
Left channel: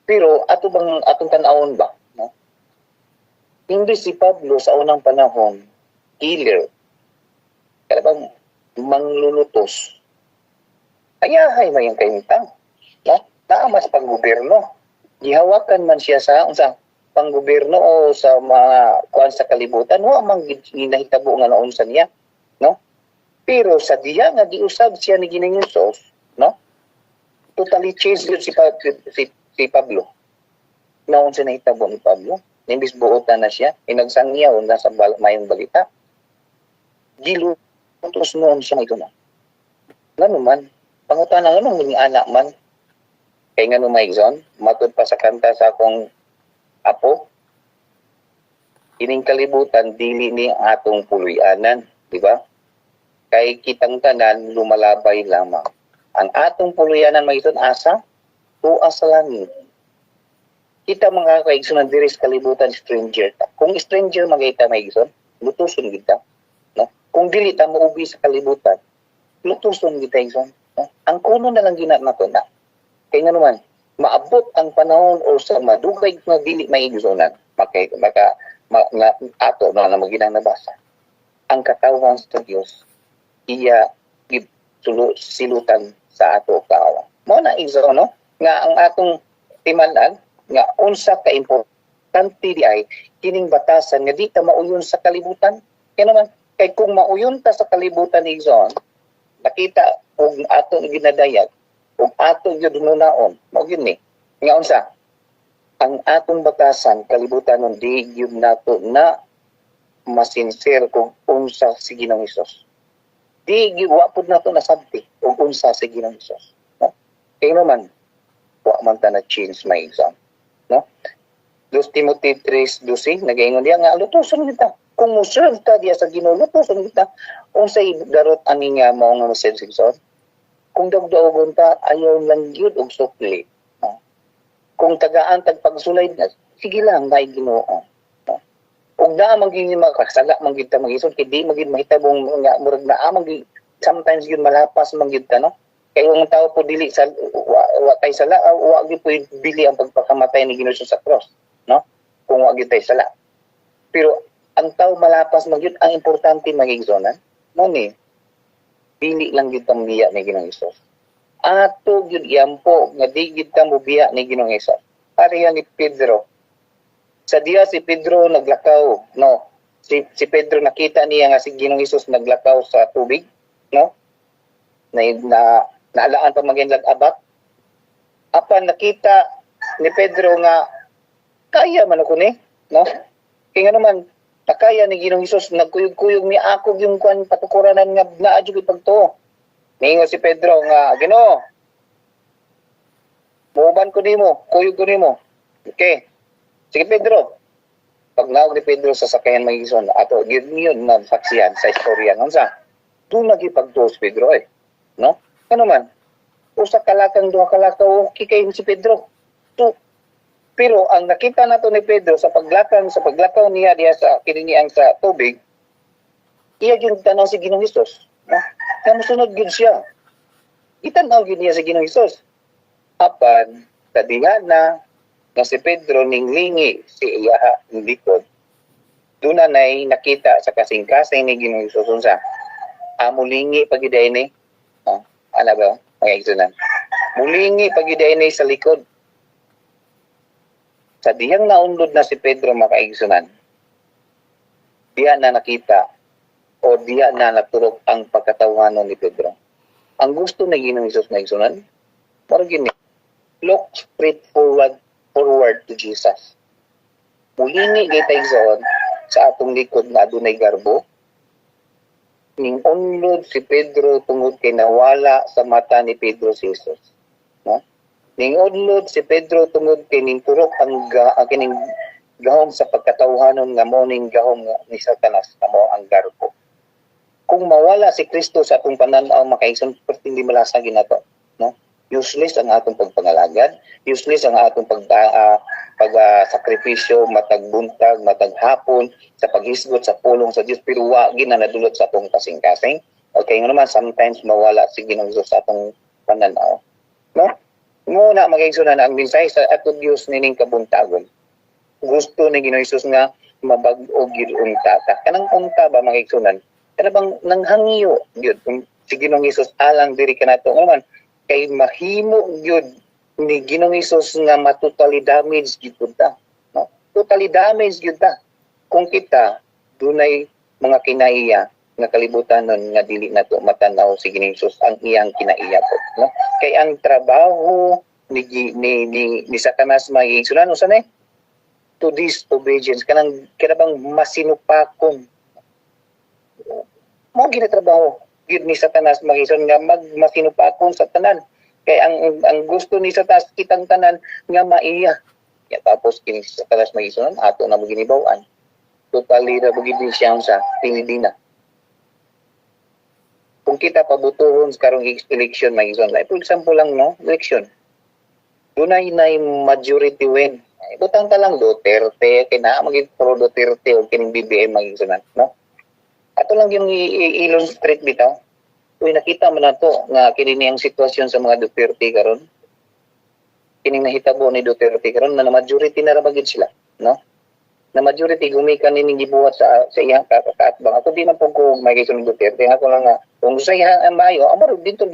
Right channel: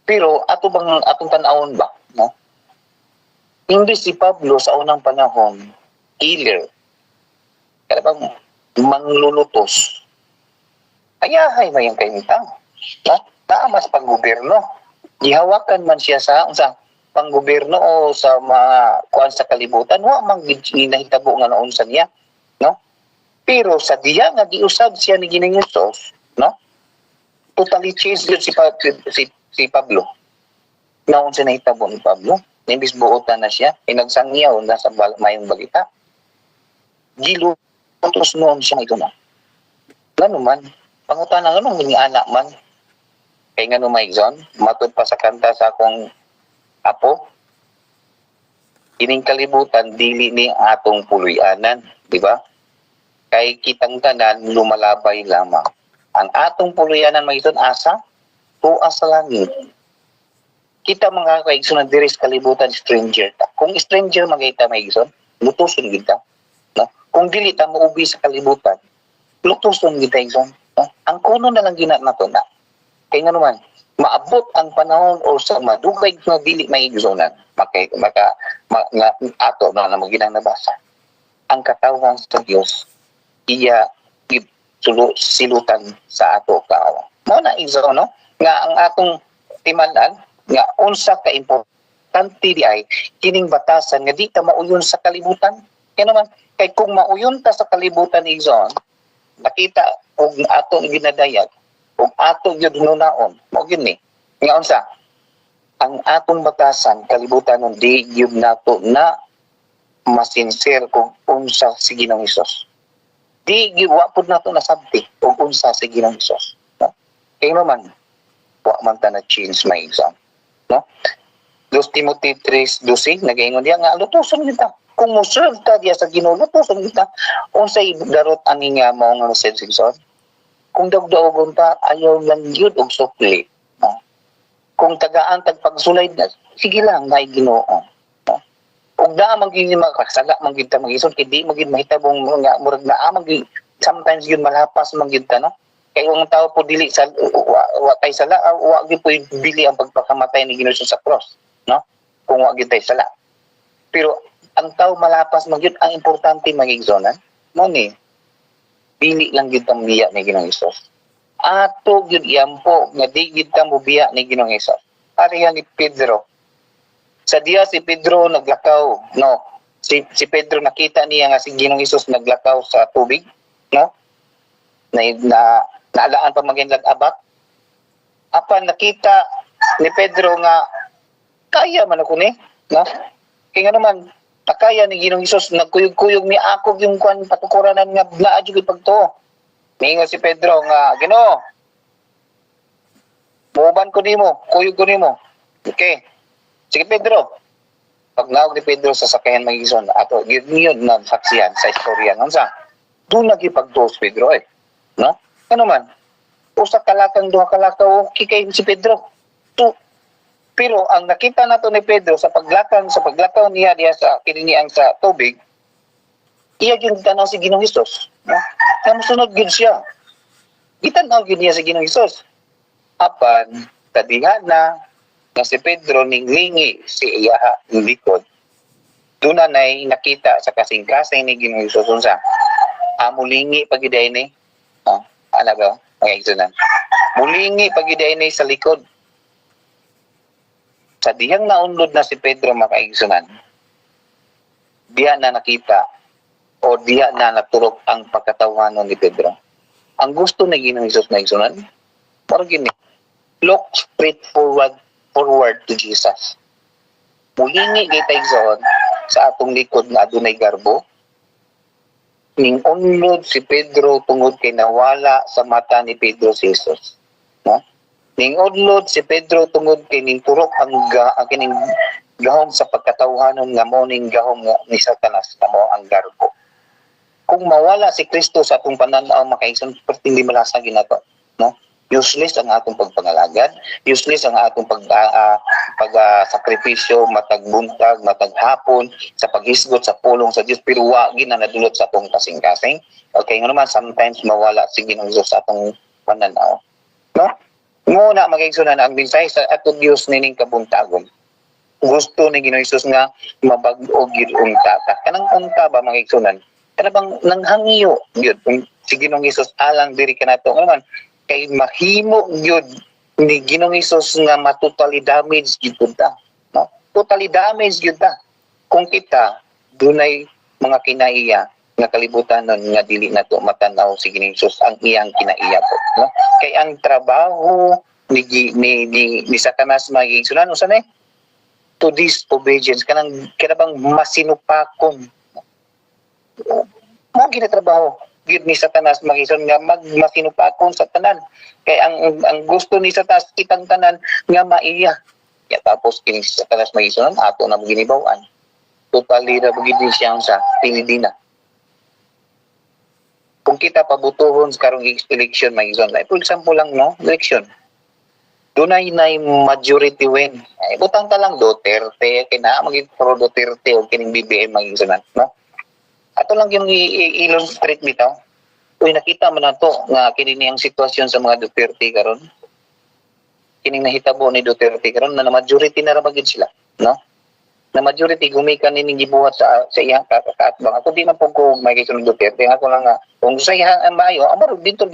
Pero ato bang atong tanawon ba, no? Hindi si Pablo sa unang panahon healer, kaya bang manglulutos, ayahay mayang kainitang, no? Taamas panggobyerno, gihawakan man siya sa panggobyerno o sa mga kuan sa kalibutan, wa man ginahitabo nga noon sa niya, no? Pero sa diya nga giusab siya ni Ginoong Hesus, no? Totally changed yun si Pablo. Naon sa nahitabo ni Pablo, nimbis buotan na siya, inagsangyaw na sa mayong balita. Gilutos noon siya ito na. Ngano man, pangutan na ganun, mga anak man. Kaya nga Maigson, matod pa sa kanta sa akong apo, ining kalibutan, dili ni atong puluyanan, di ba? Kay kitang tanan, lumalabay lamang. Ang atong puluyanan, Maigson, asa? Tuas sa langit. Kita mga kaigson na diri sa kalibutan, stranger ta. Kung stranger magayta, Maigson, lutuson kita. No? Kung dili ta muubi sa kalibutan, lutuson kita, Maigson. No? Ang kuno na lang ginat na to na. Kaya nga naman, maabot ang panahon o sa madugay na dili Maigsonan, ato na maginang nabasa. Ang katawan sa Dios, iya silutan sa ato kaawa. Mo na Igsoon, no? Nga ang atong timanan, nga unsa ka importante di ay kining batasan nga di ta mauyon sa kalibutan. Kaya naman, kay kung mauyon ta sa kalibutan, Igsoon, nakita og atong ginadayag, og atong yun nunaon, mo yun ni. Nga unsa, ang atong batasan, kalibutan ng di yun nato na masinser kung unsa si Ginoong Hesus. Di wapod nato nasabti kung unsa si Ginoong Hesus. No? Kaya naman, wa man ta na change my exam. No? 2 Timothy 3:12, nagaingon diya nga, lutuson kita. Kung mo serve ta diya sa Ginoo, lutuson kita. Unsay darot ani nga mao nga message Igsoon? Kung dawdaogon ta, ayaw lang yun og sukli. No? Kung tagaan tagpagsulay na, sige lang, may Ginoo. No? Ug naa man gyud makasala man gyud ta mag-ison, kay di man gyud mahitabong nga murag naa man gyud sometimes gyud malapas man gyud ta, no? Kay ang tao po dili sa wa kay sala, wa gyud po dili ang pagpakamatay ni Ginoo sa cross, no? Kung wa gyud tay sala. Pero ang tao malapas man gyud, ang importante magigsonan mo ni dili lang gyud tang biya ni Ginoong Hesus. Ato gyud iyampo nga di gyud ta mo biya ni Ginoong Hesus. Pareha ni Pedro. Sa diya si Pedro naglakaw, no? Si Pedro nakita niya nga si Ginoong Hesus naglakaw sa tubig, no? Naalaan pa maginlag abat. Apan nakita ni Pedro nga kaya man ako ni, no? Kaya nga naman nakaya ni Ginoong Hesus, nagkuyog-kuyog ni ako yung kuan patukuranan nga naadyo gyud pagtuo. Ningo si Pedro nga, Ginoo, muban ko nimo, kuyog ko nimo. Okay. Sige Pedro. Pag naog ni Pedro sa sakayan magigson, ato gyud yun na saksiyan sa istorya ngunsa. Doon lagi pagtuos Pedro eh. No? Ano man? Usa kalakang duha kalakaw okay kay si Pedro. Pero ang nakita nato ni Pedro sa paglakaw niya diya sa kininiang sa tubig, iya gyud tanaw si Ginoong Hesus. No? Kaya musunod gyud siya. Gitanaw gyud niya si Ginoong Hesus. Apan tadihan na si Pedro ninglingi si iya ng likod. Doon na nakita sa kasing-kasing ni Ginoong Hesus unsa. Mulingi pagiday ni. Ano ba? Mga igsunan. Mulingi pagiday ni sa likod. Sa diyang naunlod na si Pedro makaigsunan, diya na nakita o diya na naturok ang pagkatawanan ni Pedro. Ang gusto na Ginoong Hesus na igsunan, parang gini, look straight forward to Jesus. Mulingi kita igsoon sa atong likod na adunay garbo, ning unlod si Pedro tungod kay nawala sa mata ni Pedro si Jesus. No? Ning unlod si Pedro tungod kay ning turok ang kining gahom sa pagkatawhanon nga morning gahom nga ni Satanas na mo ang garbo. Kung mawala si Kristo sa atong pananaw, makaigsoon, hindi malasag ginato, no? Useless ang atong pagpangalagad, useless ang atong sakripisyo, matag buntag, matag hapon, sa paghisgot sa pulong sa Dios, pero wa gina nadulot sa atong kasing-kasing. Okay, nga naman, sometimes mawala si Ginoong Dios sa atong pananaw. No? Muna mag-igsunan ang mensahe sa atong Dios nining kabuntagon. Gusto ni Ginoong Hesus nga mabag-o gyud unta ta. Kanang unta ba mag-igsunan? Kana bang nanghangiyo gyud si Ginoong Hesus alang diri kanato man kay mahimo gyud ni Ginoong Hesus nga matotally damage gyud ta, no? Totally damage gyud ta. Kung kita dunay mga kinaiya nga kalibutan nun nga dili nato matanaw si Ginoong Hesus ang iyang kinaiya po, no? Kay ang trabaho ni Satanas magigsunan usa ni to disobedience kanang bang masinupakon mo ginatrabaho gyud ni Satanas magison nga masinupakon sa tanan kay ang gusto ni Satanas kitang tanan nga maiya ya tapos kini si Satanas magison ato na maginibaw-an totally na bugid siya sa pilidina. Kung kita pabutuhon sa karong election magison like for example lang no election dunay nay majority win. Ay, butang ta lang Duterte, kina maging pro Duterte o kining BBM maging sunan, no? Ato lang yung i-illustrate bitaw. Uy, nakita man nato nga kini niyang sitwasyon sa mga Duterte karon. Kining nahitabo ni Duterte karon na majority na ra magid sila, no? Na majority gumikan nining gibuhat sa iyang kakaatbang. Ako di man pug ko may kisunod Duterte, ako lang nga kung sa iyang maayo, amaro dito.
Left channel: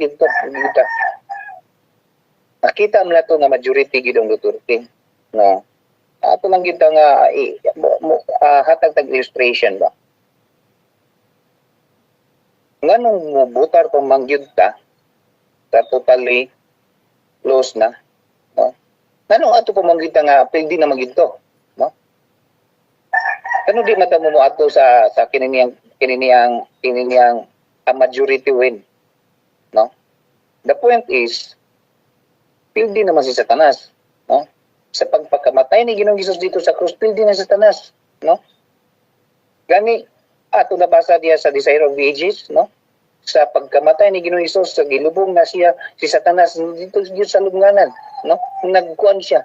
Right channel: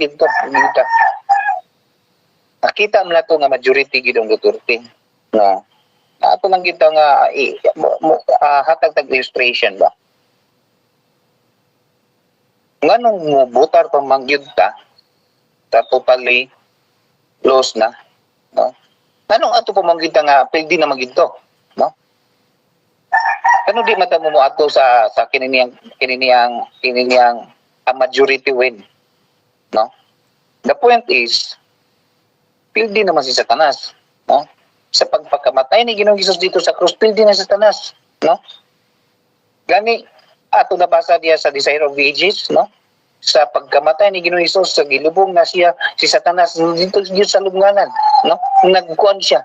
Nakita mo na ito nga majority gidong Duterte. No? Ato lang gito nga hatag tag illustration ba? Nganong mo butar pang mangyud ta sa totally lost na. No? Nganong ato pa mangyud ta nga pwede na mangyud to. No? Kano di mata mo ato sa kininiyang majority win. No? The point is pildi naman si Satanas, no? Sa pagpakamatay ni Ginoong Hesus dito sa krus, pildi na si Satanas, no? Gani ato nabasa diya sa Desire of Ages, no? Sa pagkamatay ni Ginoong Hesus, sa gilubong na siya si Satanas dito sa lubnganan, no? Nagkuan siya.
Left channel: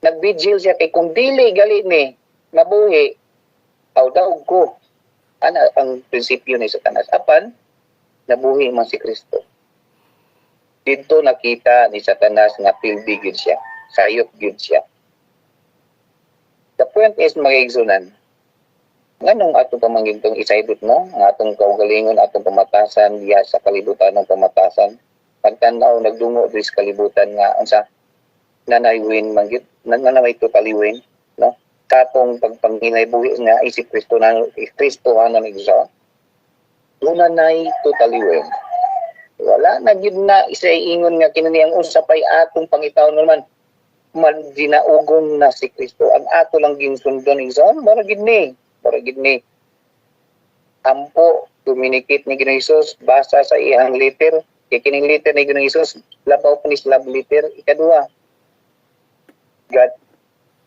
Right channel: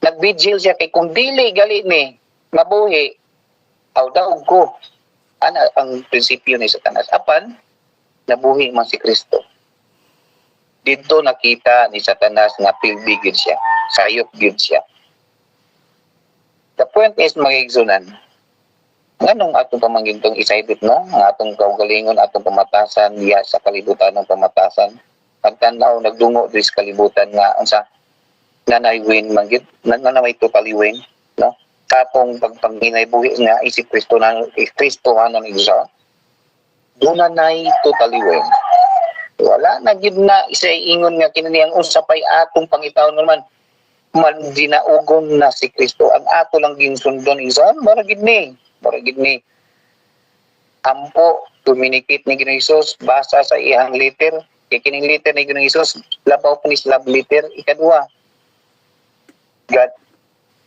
Nagbigil siya kay kung dili gali ni mabuhi aw daog ko. Ana ang prinsipyo ni Satanas. Apan nabuhi man si Kristo. Dito nakita ni Satanas nga pildi gyud siya, sayop gyud siya. The point is magigsunan. Nganong atong pamanggintong isaybit no, ang atong kaugalingon atong pamatasan diya sa kalibutan ng pamatasan. Pagtanaw nagdungo diri sa kalibutan nga unsa nanay win manggid, nanay totally win, no? Sa atong pagpanghinay buhi nga isip Kristo na Kristohanon igsa. Dunay totally win. Wala na gid na isay ingon nga kinaniyang usapay atong pangitawon naman man dinaugong na si Kristo ang ato lang ginsundon isan mara gid ni ampo communicate ni Ginoong Hesus basa sa iyang letter kay kining letter ni Ginoong Hesus labaw pa ni love letter ikadua God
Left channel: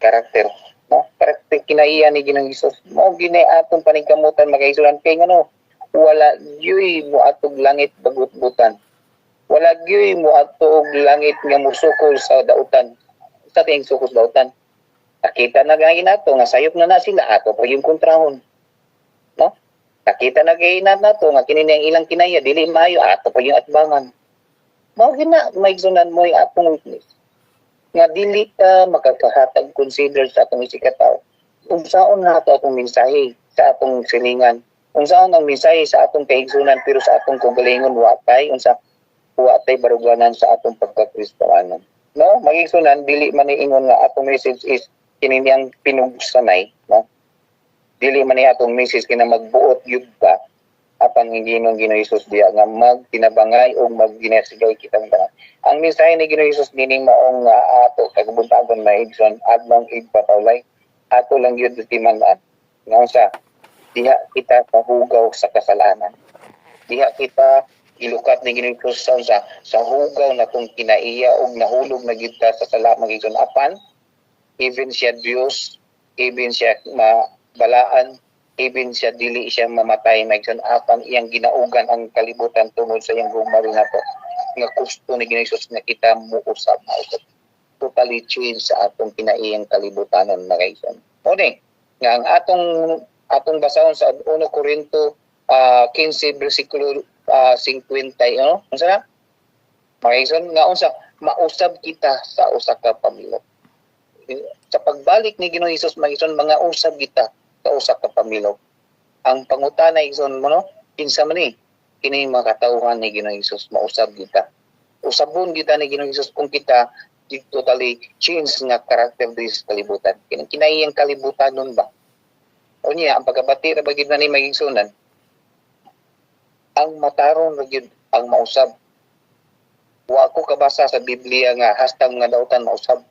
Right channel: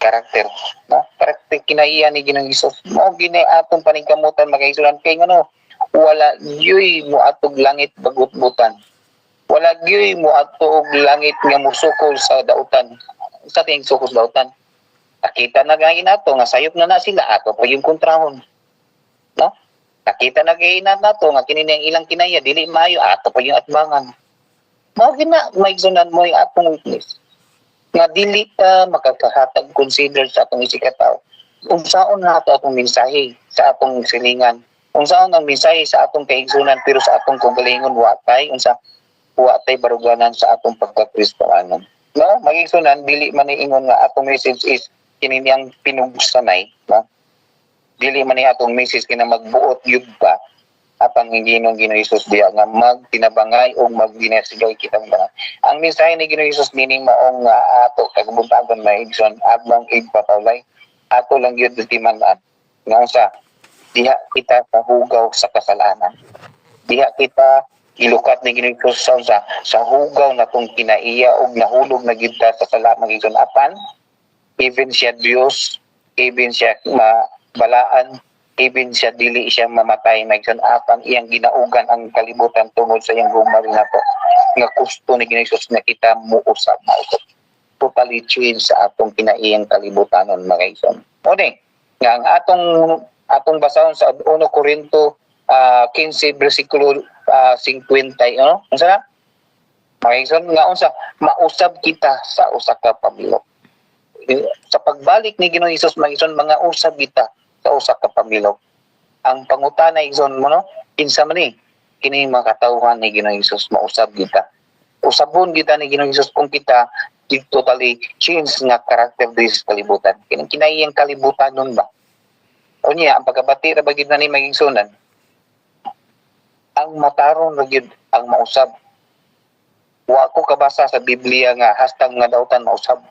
character, no? Karakter kinaiya ni Ginoong Hesus mao gini atong paningkamutan magaysulan kay ngano wala gyoy mo atog langit bagutbutan. Wala gyoy mo atog langit nga musukol sa dautan. Sa ting sukol sa dautan. Nakita na gani nato nga sayop na sila ato pa yung kontrahon. No? Nakita na gani nato nga kini ang ilang kinaya dili maayo ato pa yung atbangan. Mao gina maigsunan mo yung atong witness. Nga dili ta makakahatag consider sa atong isikataw. Unsaon nato atong mensahe sa atong silingan. Unsaon ang mensahe sa atong kaigsunan pero sa atong kaugalingon watay watay baruganan sa atong pagkakristohanon. No, magigsunan dili man ingon nga atong message is kini niyang pinugsanay, no? Dili man ni atong message kina magbuot gyud pa apan Ginoong Hesus diya nga magtinabangay o magdinasigay kitang tanan. Ang mensahe ni Ginoong Hesus meaning maong ato kagubuntagon na igsoon adlong igpatawlay ato lang gyud timan-an. Nga unsa diha kita kahugaw sa kasalanan. Diha kita ilukat ni Ginoong Hesus sa hugaw na kung kinaiya og nahulog na gyud ta sa sala magiging apan even siya Dios even siya mabalaan, even siya dili siya mamatay, maigsoon, apang iyang ginaugan ang kalibutan tungod sa iyang gumari na to nga gusto ni Ginoong Hesus na kita muusab mausab totally change sa atong kinaiyang kalibutanon mga igsoon. O ni nga ang atong basahon sa 1 Corinto 15 bersikulo 50 ano unsa na mga igsoon nga unsa mausab kita sa usa ka pamilya. Sa pagbalik ni Ginoong Hesus mga igsoon, mga usab kita sa usa ka pamilya. Ang pangutana igsoon mo no kinsa man ni kini mga katawhan ni Ginoong Hesus mausab kita. Usabon kita ni Ginoong Hesus kung kita totally change nga karakter din sa kalibutan. Kinaiyang kalibutan nun ba? O niya, ang pagkabati na bagid na ni magigsunan, ang mataron na gyud ang mausab. Wa ko kabasa sa Biblia nga hastang nga daotan mausab.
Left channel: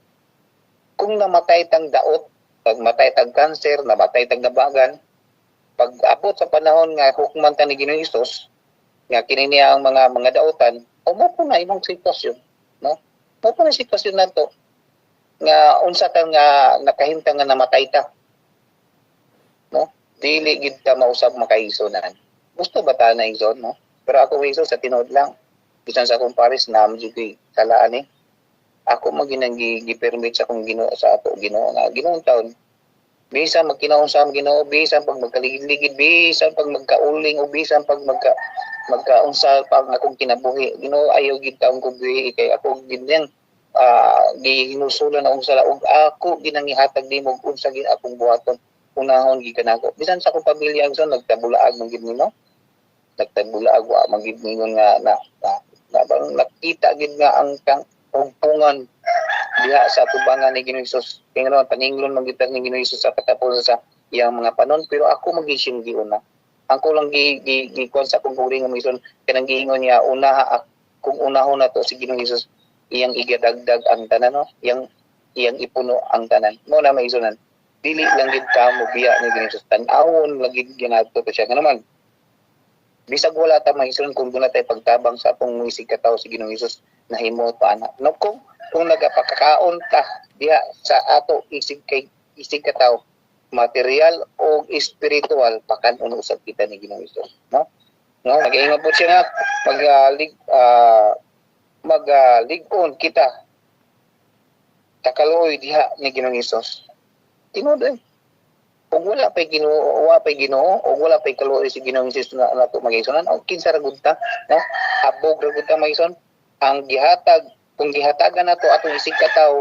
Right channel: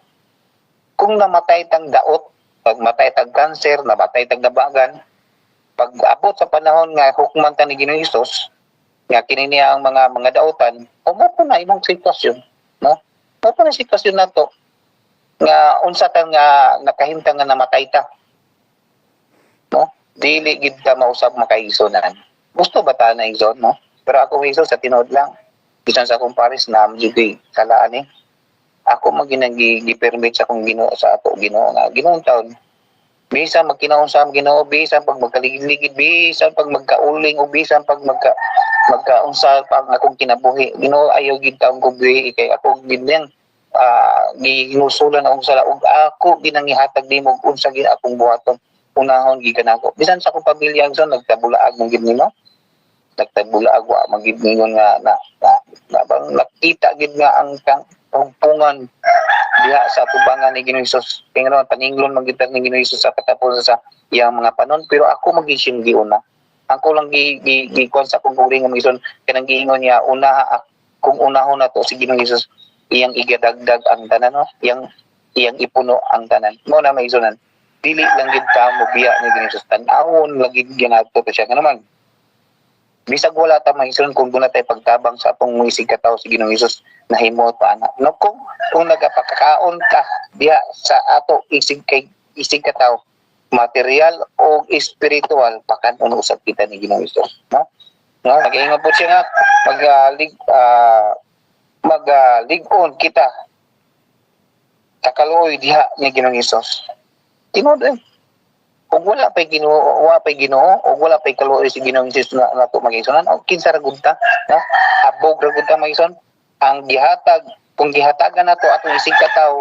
Kung namatay tang daot, pag matay tag cancer, namatay tag nabagan, pag abot sa panahon nga hukman ta ni Ginoong Hesus, nga kini niya ang mga daotan, o mo po na imong sitwasyon, no? Mo po na sitwasyon nato nga unsa ta nga nakahimtang nga namatay ta. No? Dili gid ta mausab makaigsonan. Gusto ba ta na igsoon, no? Pero ako igsoon sa tinuod lang. Bisan sa akong pares na amjud kalaan eh. Ako gi-permit sa akong Ginoo sa ato Ginoo nga Ginoong taon. Bisan magkinaon sa Ginoo, bisan pag magkaligid-ligid, bisan pag magkauling o bisan pag magkaunsa pang akong kinabuhi. Ginoo ayaw gid taong kubuhi kay ako gid nang ginusulan akong sala ug ako ginangihatag nimo unsa gid akong buhaton unahon gikanako. Bisan sa akong pamilya agson nagtabulaag mong gid nimo. Nagtabulaag wa magid ningon nga bang nakita gid nga ang pungpungan diha sa tubangan ni Ginoong Hesus. Kaya nga paninglon magitan ni Ginoong Hesus sa katapusan sa iyang mga panon, pero ako mag-ising giuna. Ako lang gikuan sa akong kuring nga magison kanang giingon niya kung unahon na to si Ginoong Hesus iyang igadagdag ang tanan, no? Iyang ipuno ang tanan. Mo na maisonan. Dili lang gid ta mo biya ni Ginoong Hesus tan-awon lagi ginato to siya nga naman. Bisag wala ta maisonan kung doon tay pagtabang sa atong muisig katawo si Ginoong Hesus nahimo pa ana. No kung nagapakakaon ka diha sa ato isig katawo material o spiritual pakan usab kita ni Ginoong Hesus, no? No, nag-iingon po siya nga magligon kita sa kaluoy diha ni Ginoong Hesus. Tinuod kung wala pay Ginoo o wala pay kaluoy si Ginoong Hesus na nato magigsonan o kinsa ra gud ta, no? Abog ra gud ta magigson ang gihatag kung gihatagan nato atong isig katawo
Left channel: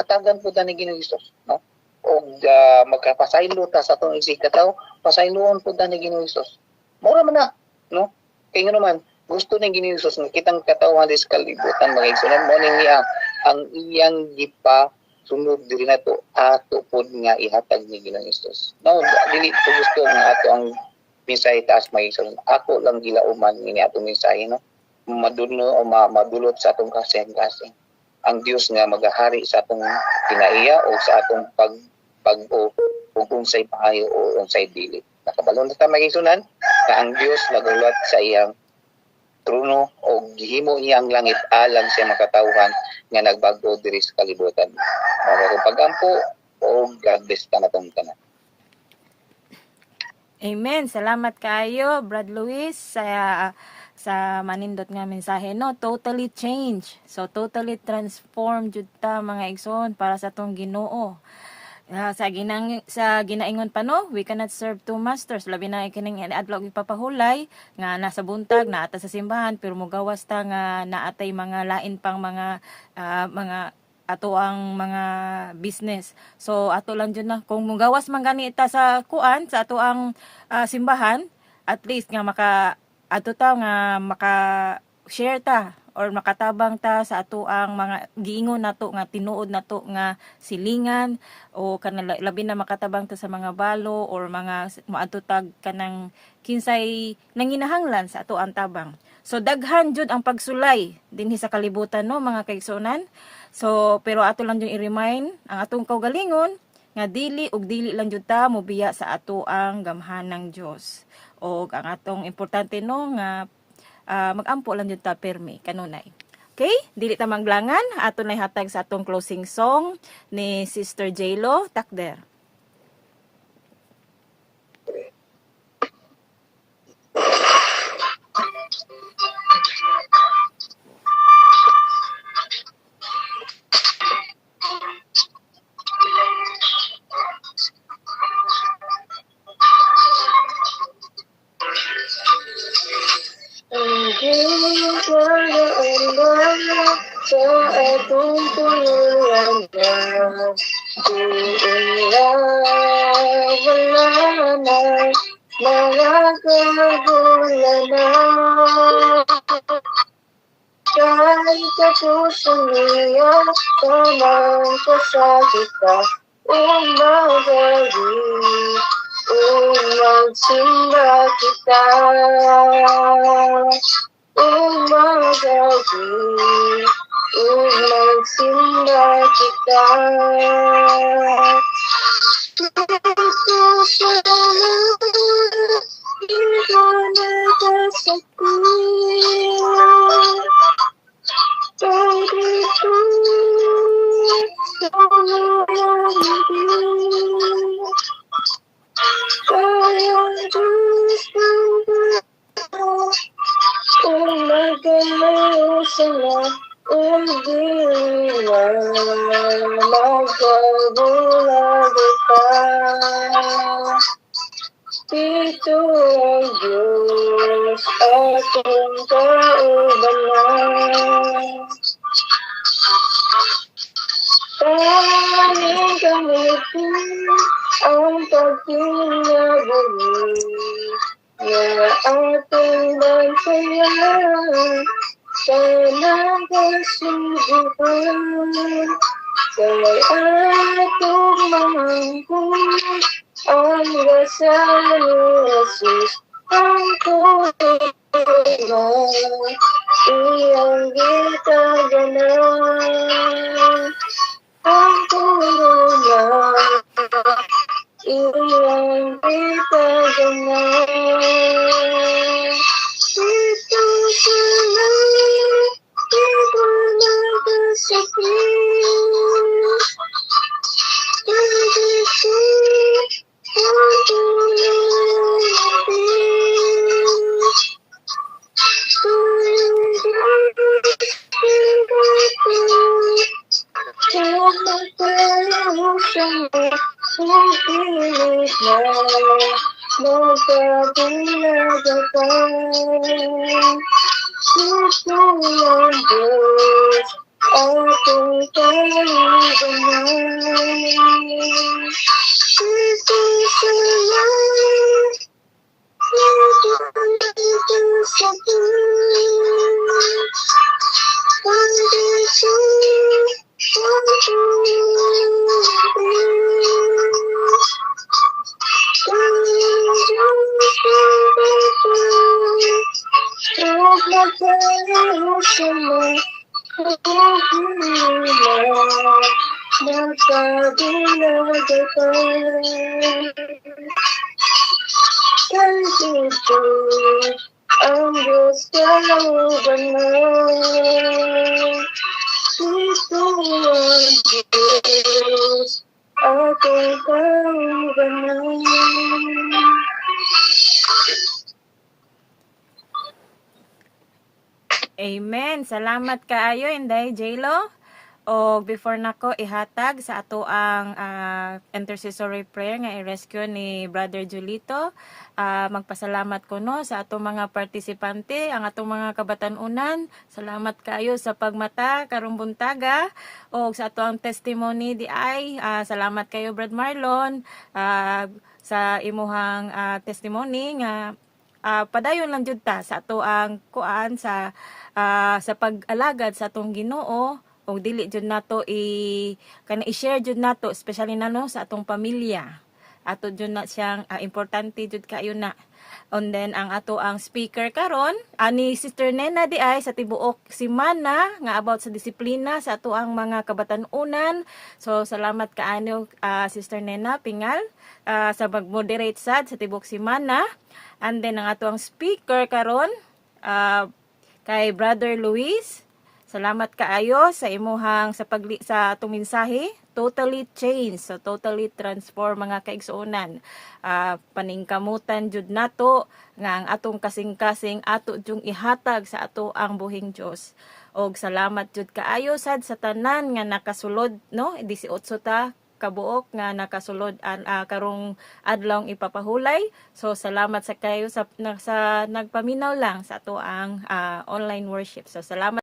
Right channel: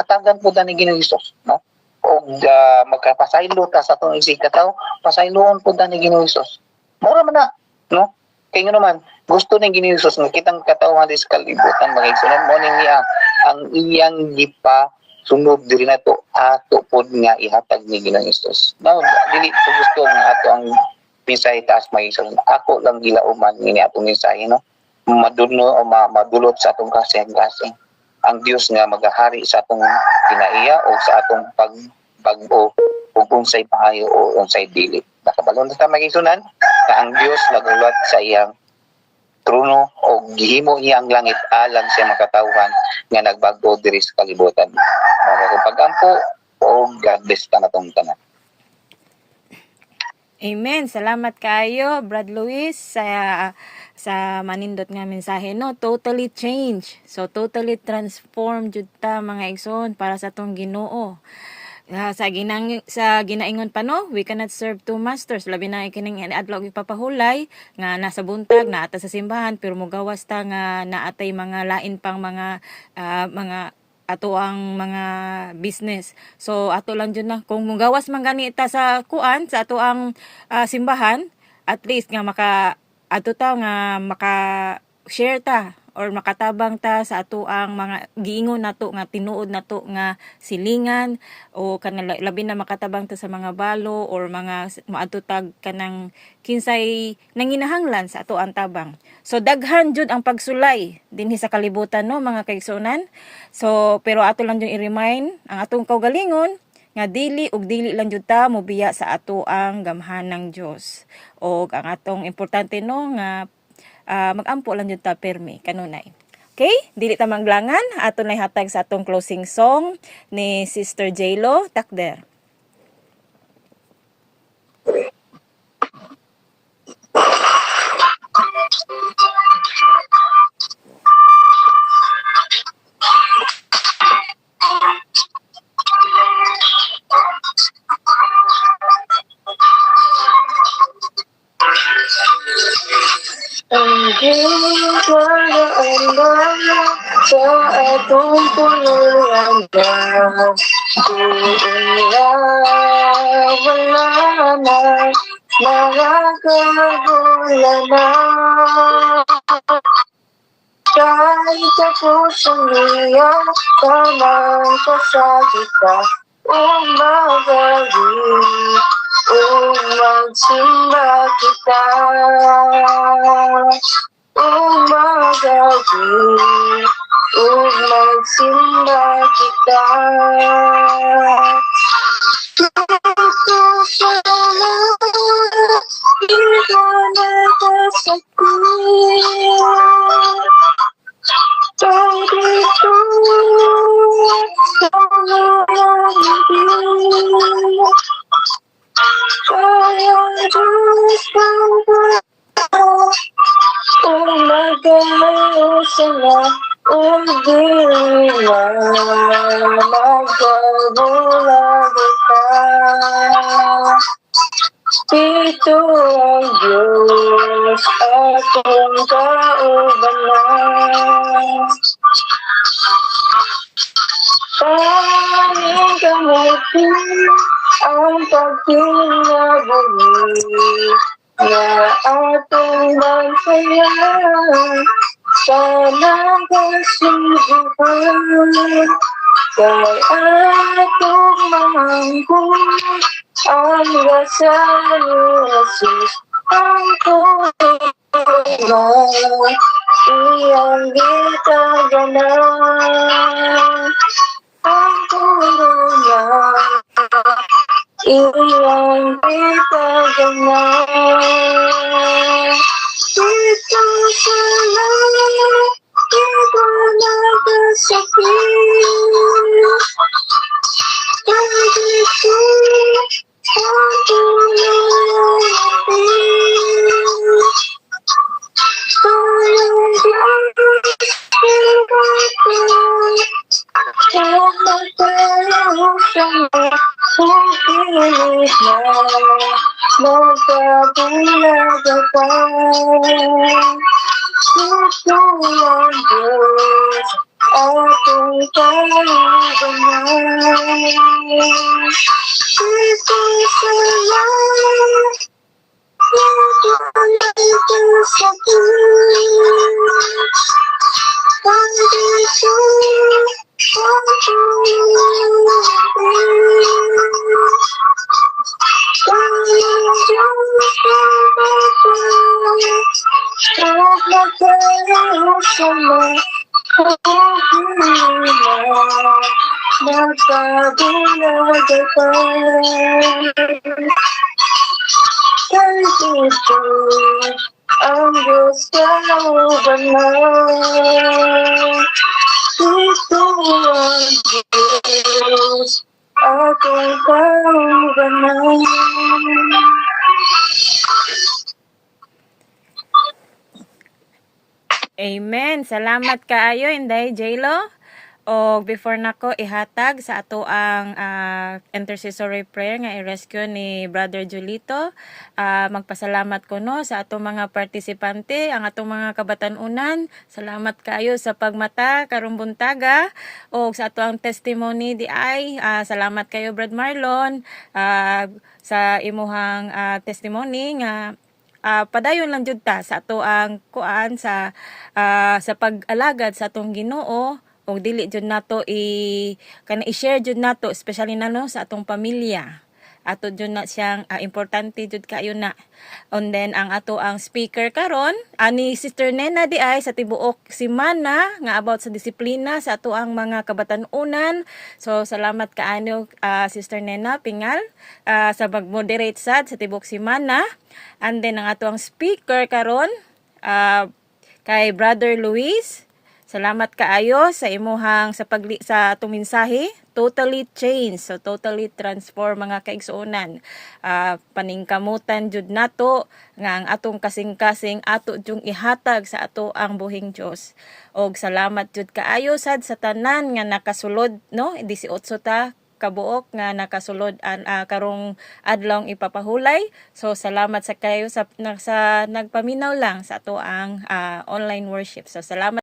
hatagan po ta ni Ginoong Hesus, no? O magkapasaylo ta sa atong isig katawo pasayloon po ta ni Ginoong Hesus. Mura man na, no? Kaya naman gusto ni Ginoong Hesus nga kitang katawhan sa kalibutan magigsonan mo ning niya ang iyang gipa sunod diri nato ato pod nga ihatag ni Ginoong Hesus. No, dili ko gusto nga ato ang mensahe taas magigsonan. Ako lang gilauman ni atong mensahe, no? Madulno o madulot sa atong kasing-kasing. Ang Dios nga magahari sa atong kinaiya o sa atong pag-o o unsay paayo o unsay dili. Nakabalon ta magigsunan na ang Dios nagulat sa iyang trono o gihimo niya ang langit alang siya makatawhan nga nagbago diri sa kalibutan. Mga pagampo o God bless ta natong tanan. Amen. Salamat kayo, Brad Luis, sa manindot nga mensahe, no? Totally change. So, totally transform jud ta mga igsoon para sa tong Ginoo. Sa ginaingon pa, no? We cannot serve two masters. Labi na kining adlaw ipapahulay nga nasa buntag na ata sa simbahan pero mugawas ta nga naatay mga lain pang mga ato ang mga business. So ato lang jud na kung mugawas man gani ta sa kuan sa ato ang simbahan, at least nga ato ta nga maka-share ta or makatabang ta sa ato ang mga giingon nato nga tinuod nato nga silingan o kanang labi na makatabang ta sa mga balo or mga maadto tag kanang kinsay nanginahanglan sa ato ang tabang. So daghan jud ang pagsulay dinhi sa kalibutan, no mga kaigsunan. So pero ato lang jud i-remind ang atong kaugalingon nga dili lang jud ta mobiya sa ato ang gamhanang Dios. O ang atong importante, no nga magampo lang jud ta permi kanunay. Okay, dili ta manglangan, ato nay hatag sa atong closing song ni Sister J-Lo Takder. Hingga sa atong puluyan na wala na mga kagulanan. Kahit ako sumiya, tamang pasakit ka, umagabi, magsimba kita. Umagabi, magsimba kita. Hindi ko nagkasakit. Dito, kaya Diyos umagayo sila, umdila, magkabulag ka. Dito ang Diyos, akong kaubanan. Tanging gamitin ang pagkinabuhi na atong bansayan. Sana kasubukan kay atong mamangkong ang rasa ni Jesus ang tulong iyang gitaganan. Ang tulong iyang gitaganan. Dito sa langit, di ko nagkasakit. Dito ang tulong tulong magkabulag ka. Ito ang Diyos, atong kaubanan. Ito sa langit, ito nagkasakit. Ang dito, ang tulong magkabulag ka. Kay Dito ang Diyos kaubanan. Dito ang Diyos, akong kaubanan. Amen. Salamat kaayo Inday J-Lo. O before nako ihatag sa ato ang intercessory prayer nga i-rescue ni Brother Julito. Magpasalamat ko no sa ato mga partisipante, ang atong mga kabatanunan. Salamat kayo sa pagmata karong buntaga o sa ato ang testimony di ay. Salamat kayo Brad Marlon sa imuhang testimony nga padayon lang jud ta sa ato ang kuan sa pag-alagad sa atong Ginoo. O dili jud nato i-share jud nato especially na no sa atong pamilya. Ato jud na siyang importante jud kayo na. And then ang ato ang speaker karon ani Sister Nena di ay sa tibuok semana nga about sa disiplina sa ato ang mga kabatanunan. So salamat kaano Sister Nena Pingal sa mag-moderate sad sa tibuok semana. And then ang ato ang speaker karon kay Brother Luis. Salamat kaayo sa imuhang sa atong mensahe, totally change, so totally transform mga kaigsuonan. Paningkamutan jud nato nga ang atong kasing-kasing ato jung ihatag sa ato ang buhing Dios. Og salamat jud kaayo sad sa tanan nga nakasulod no 18 ta kabuok nga nakasulod karong adlaw ipapahulay. So salamat sa kayo sa nagpaminaw lang sa ato ang online worship. So salamat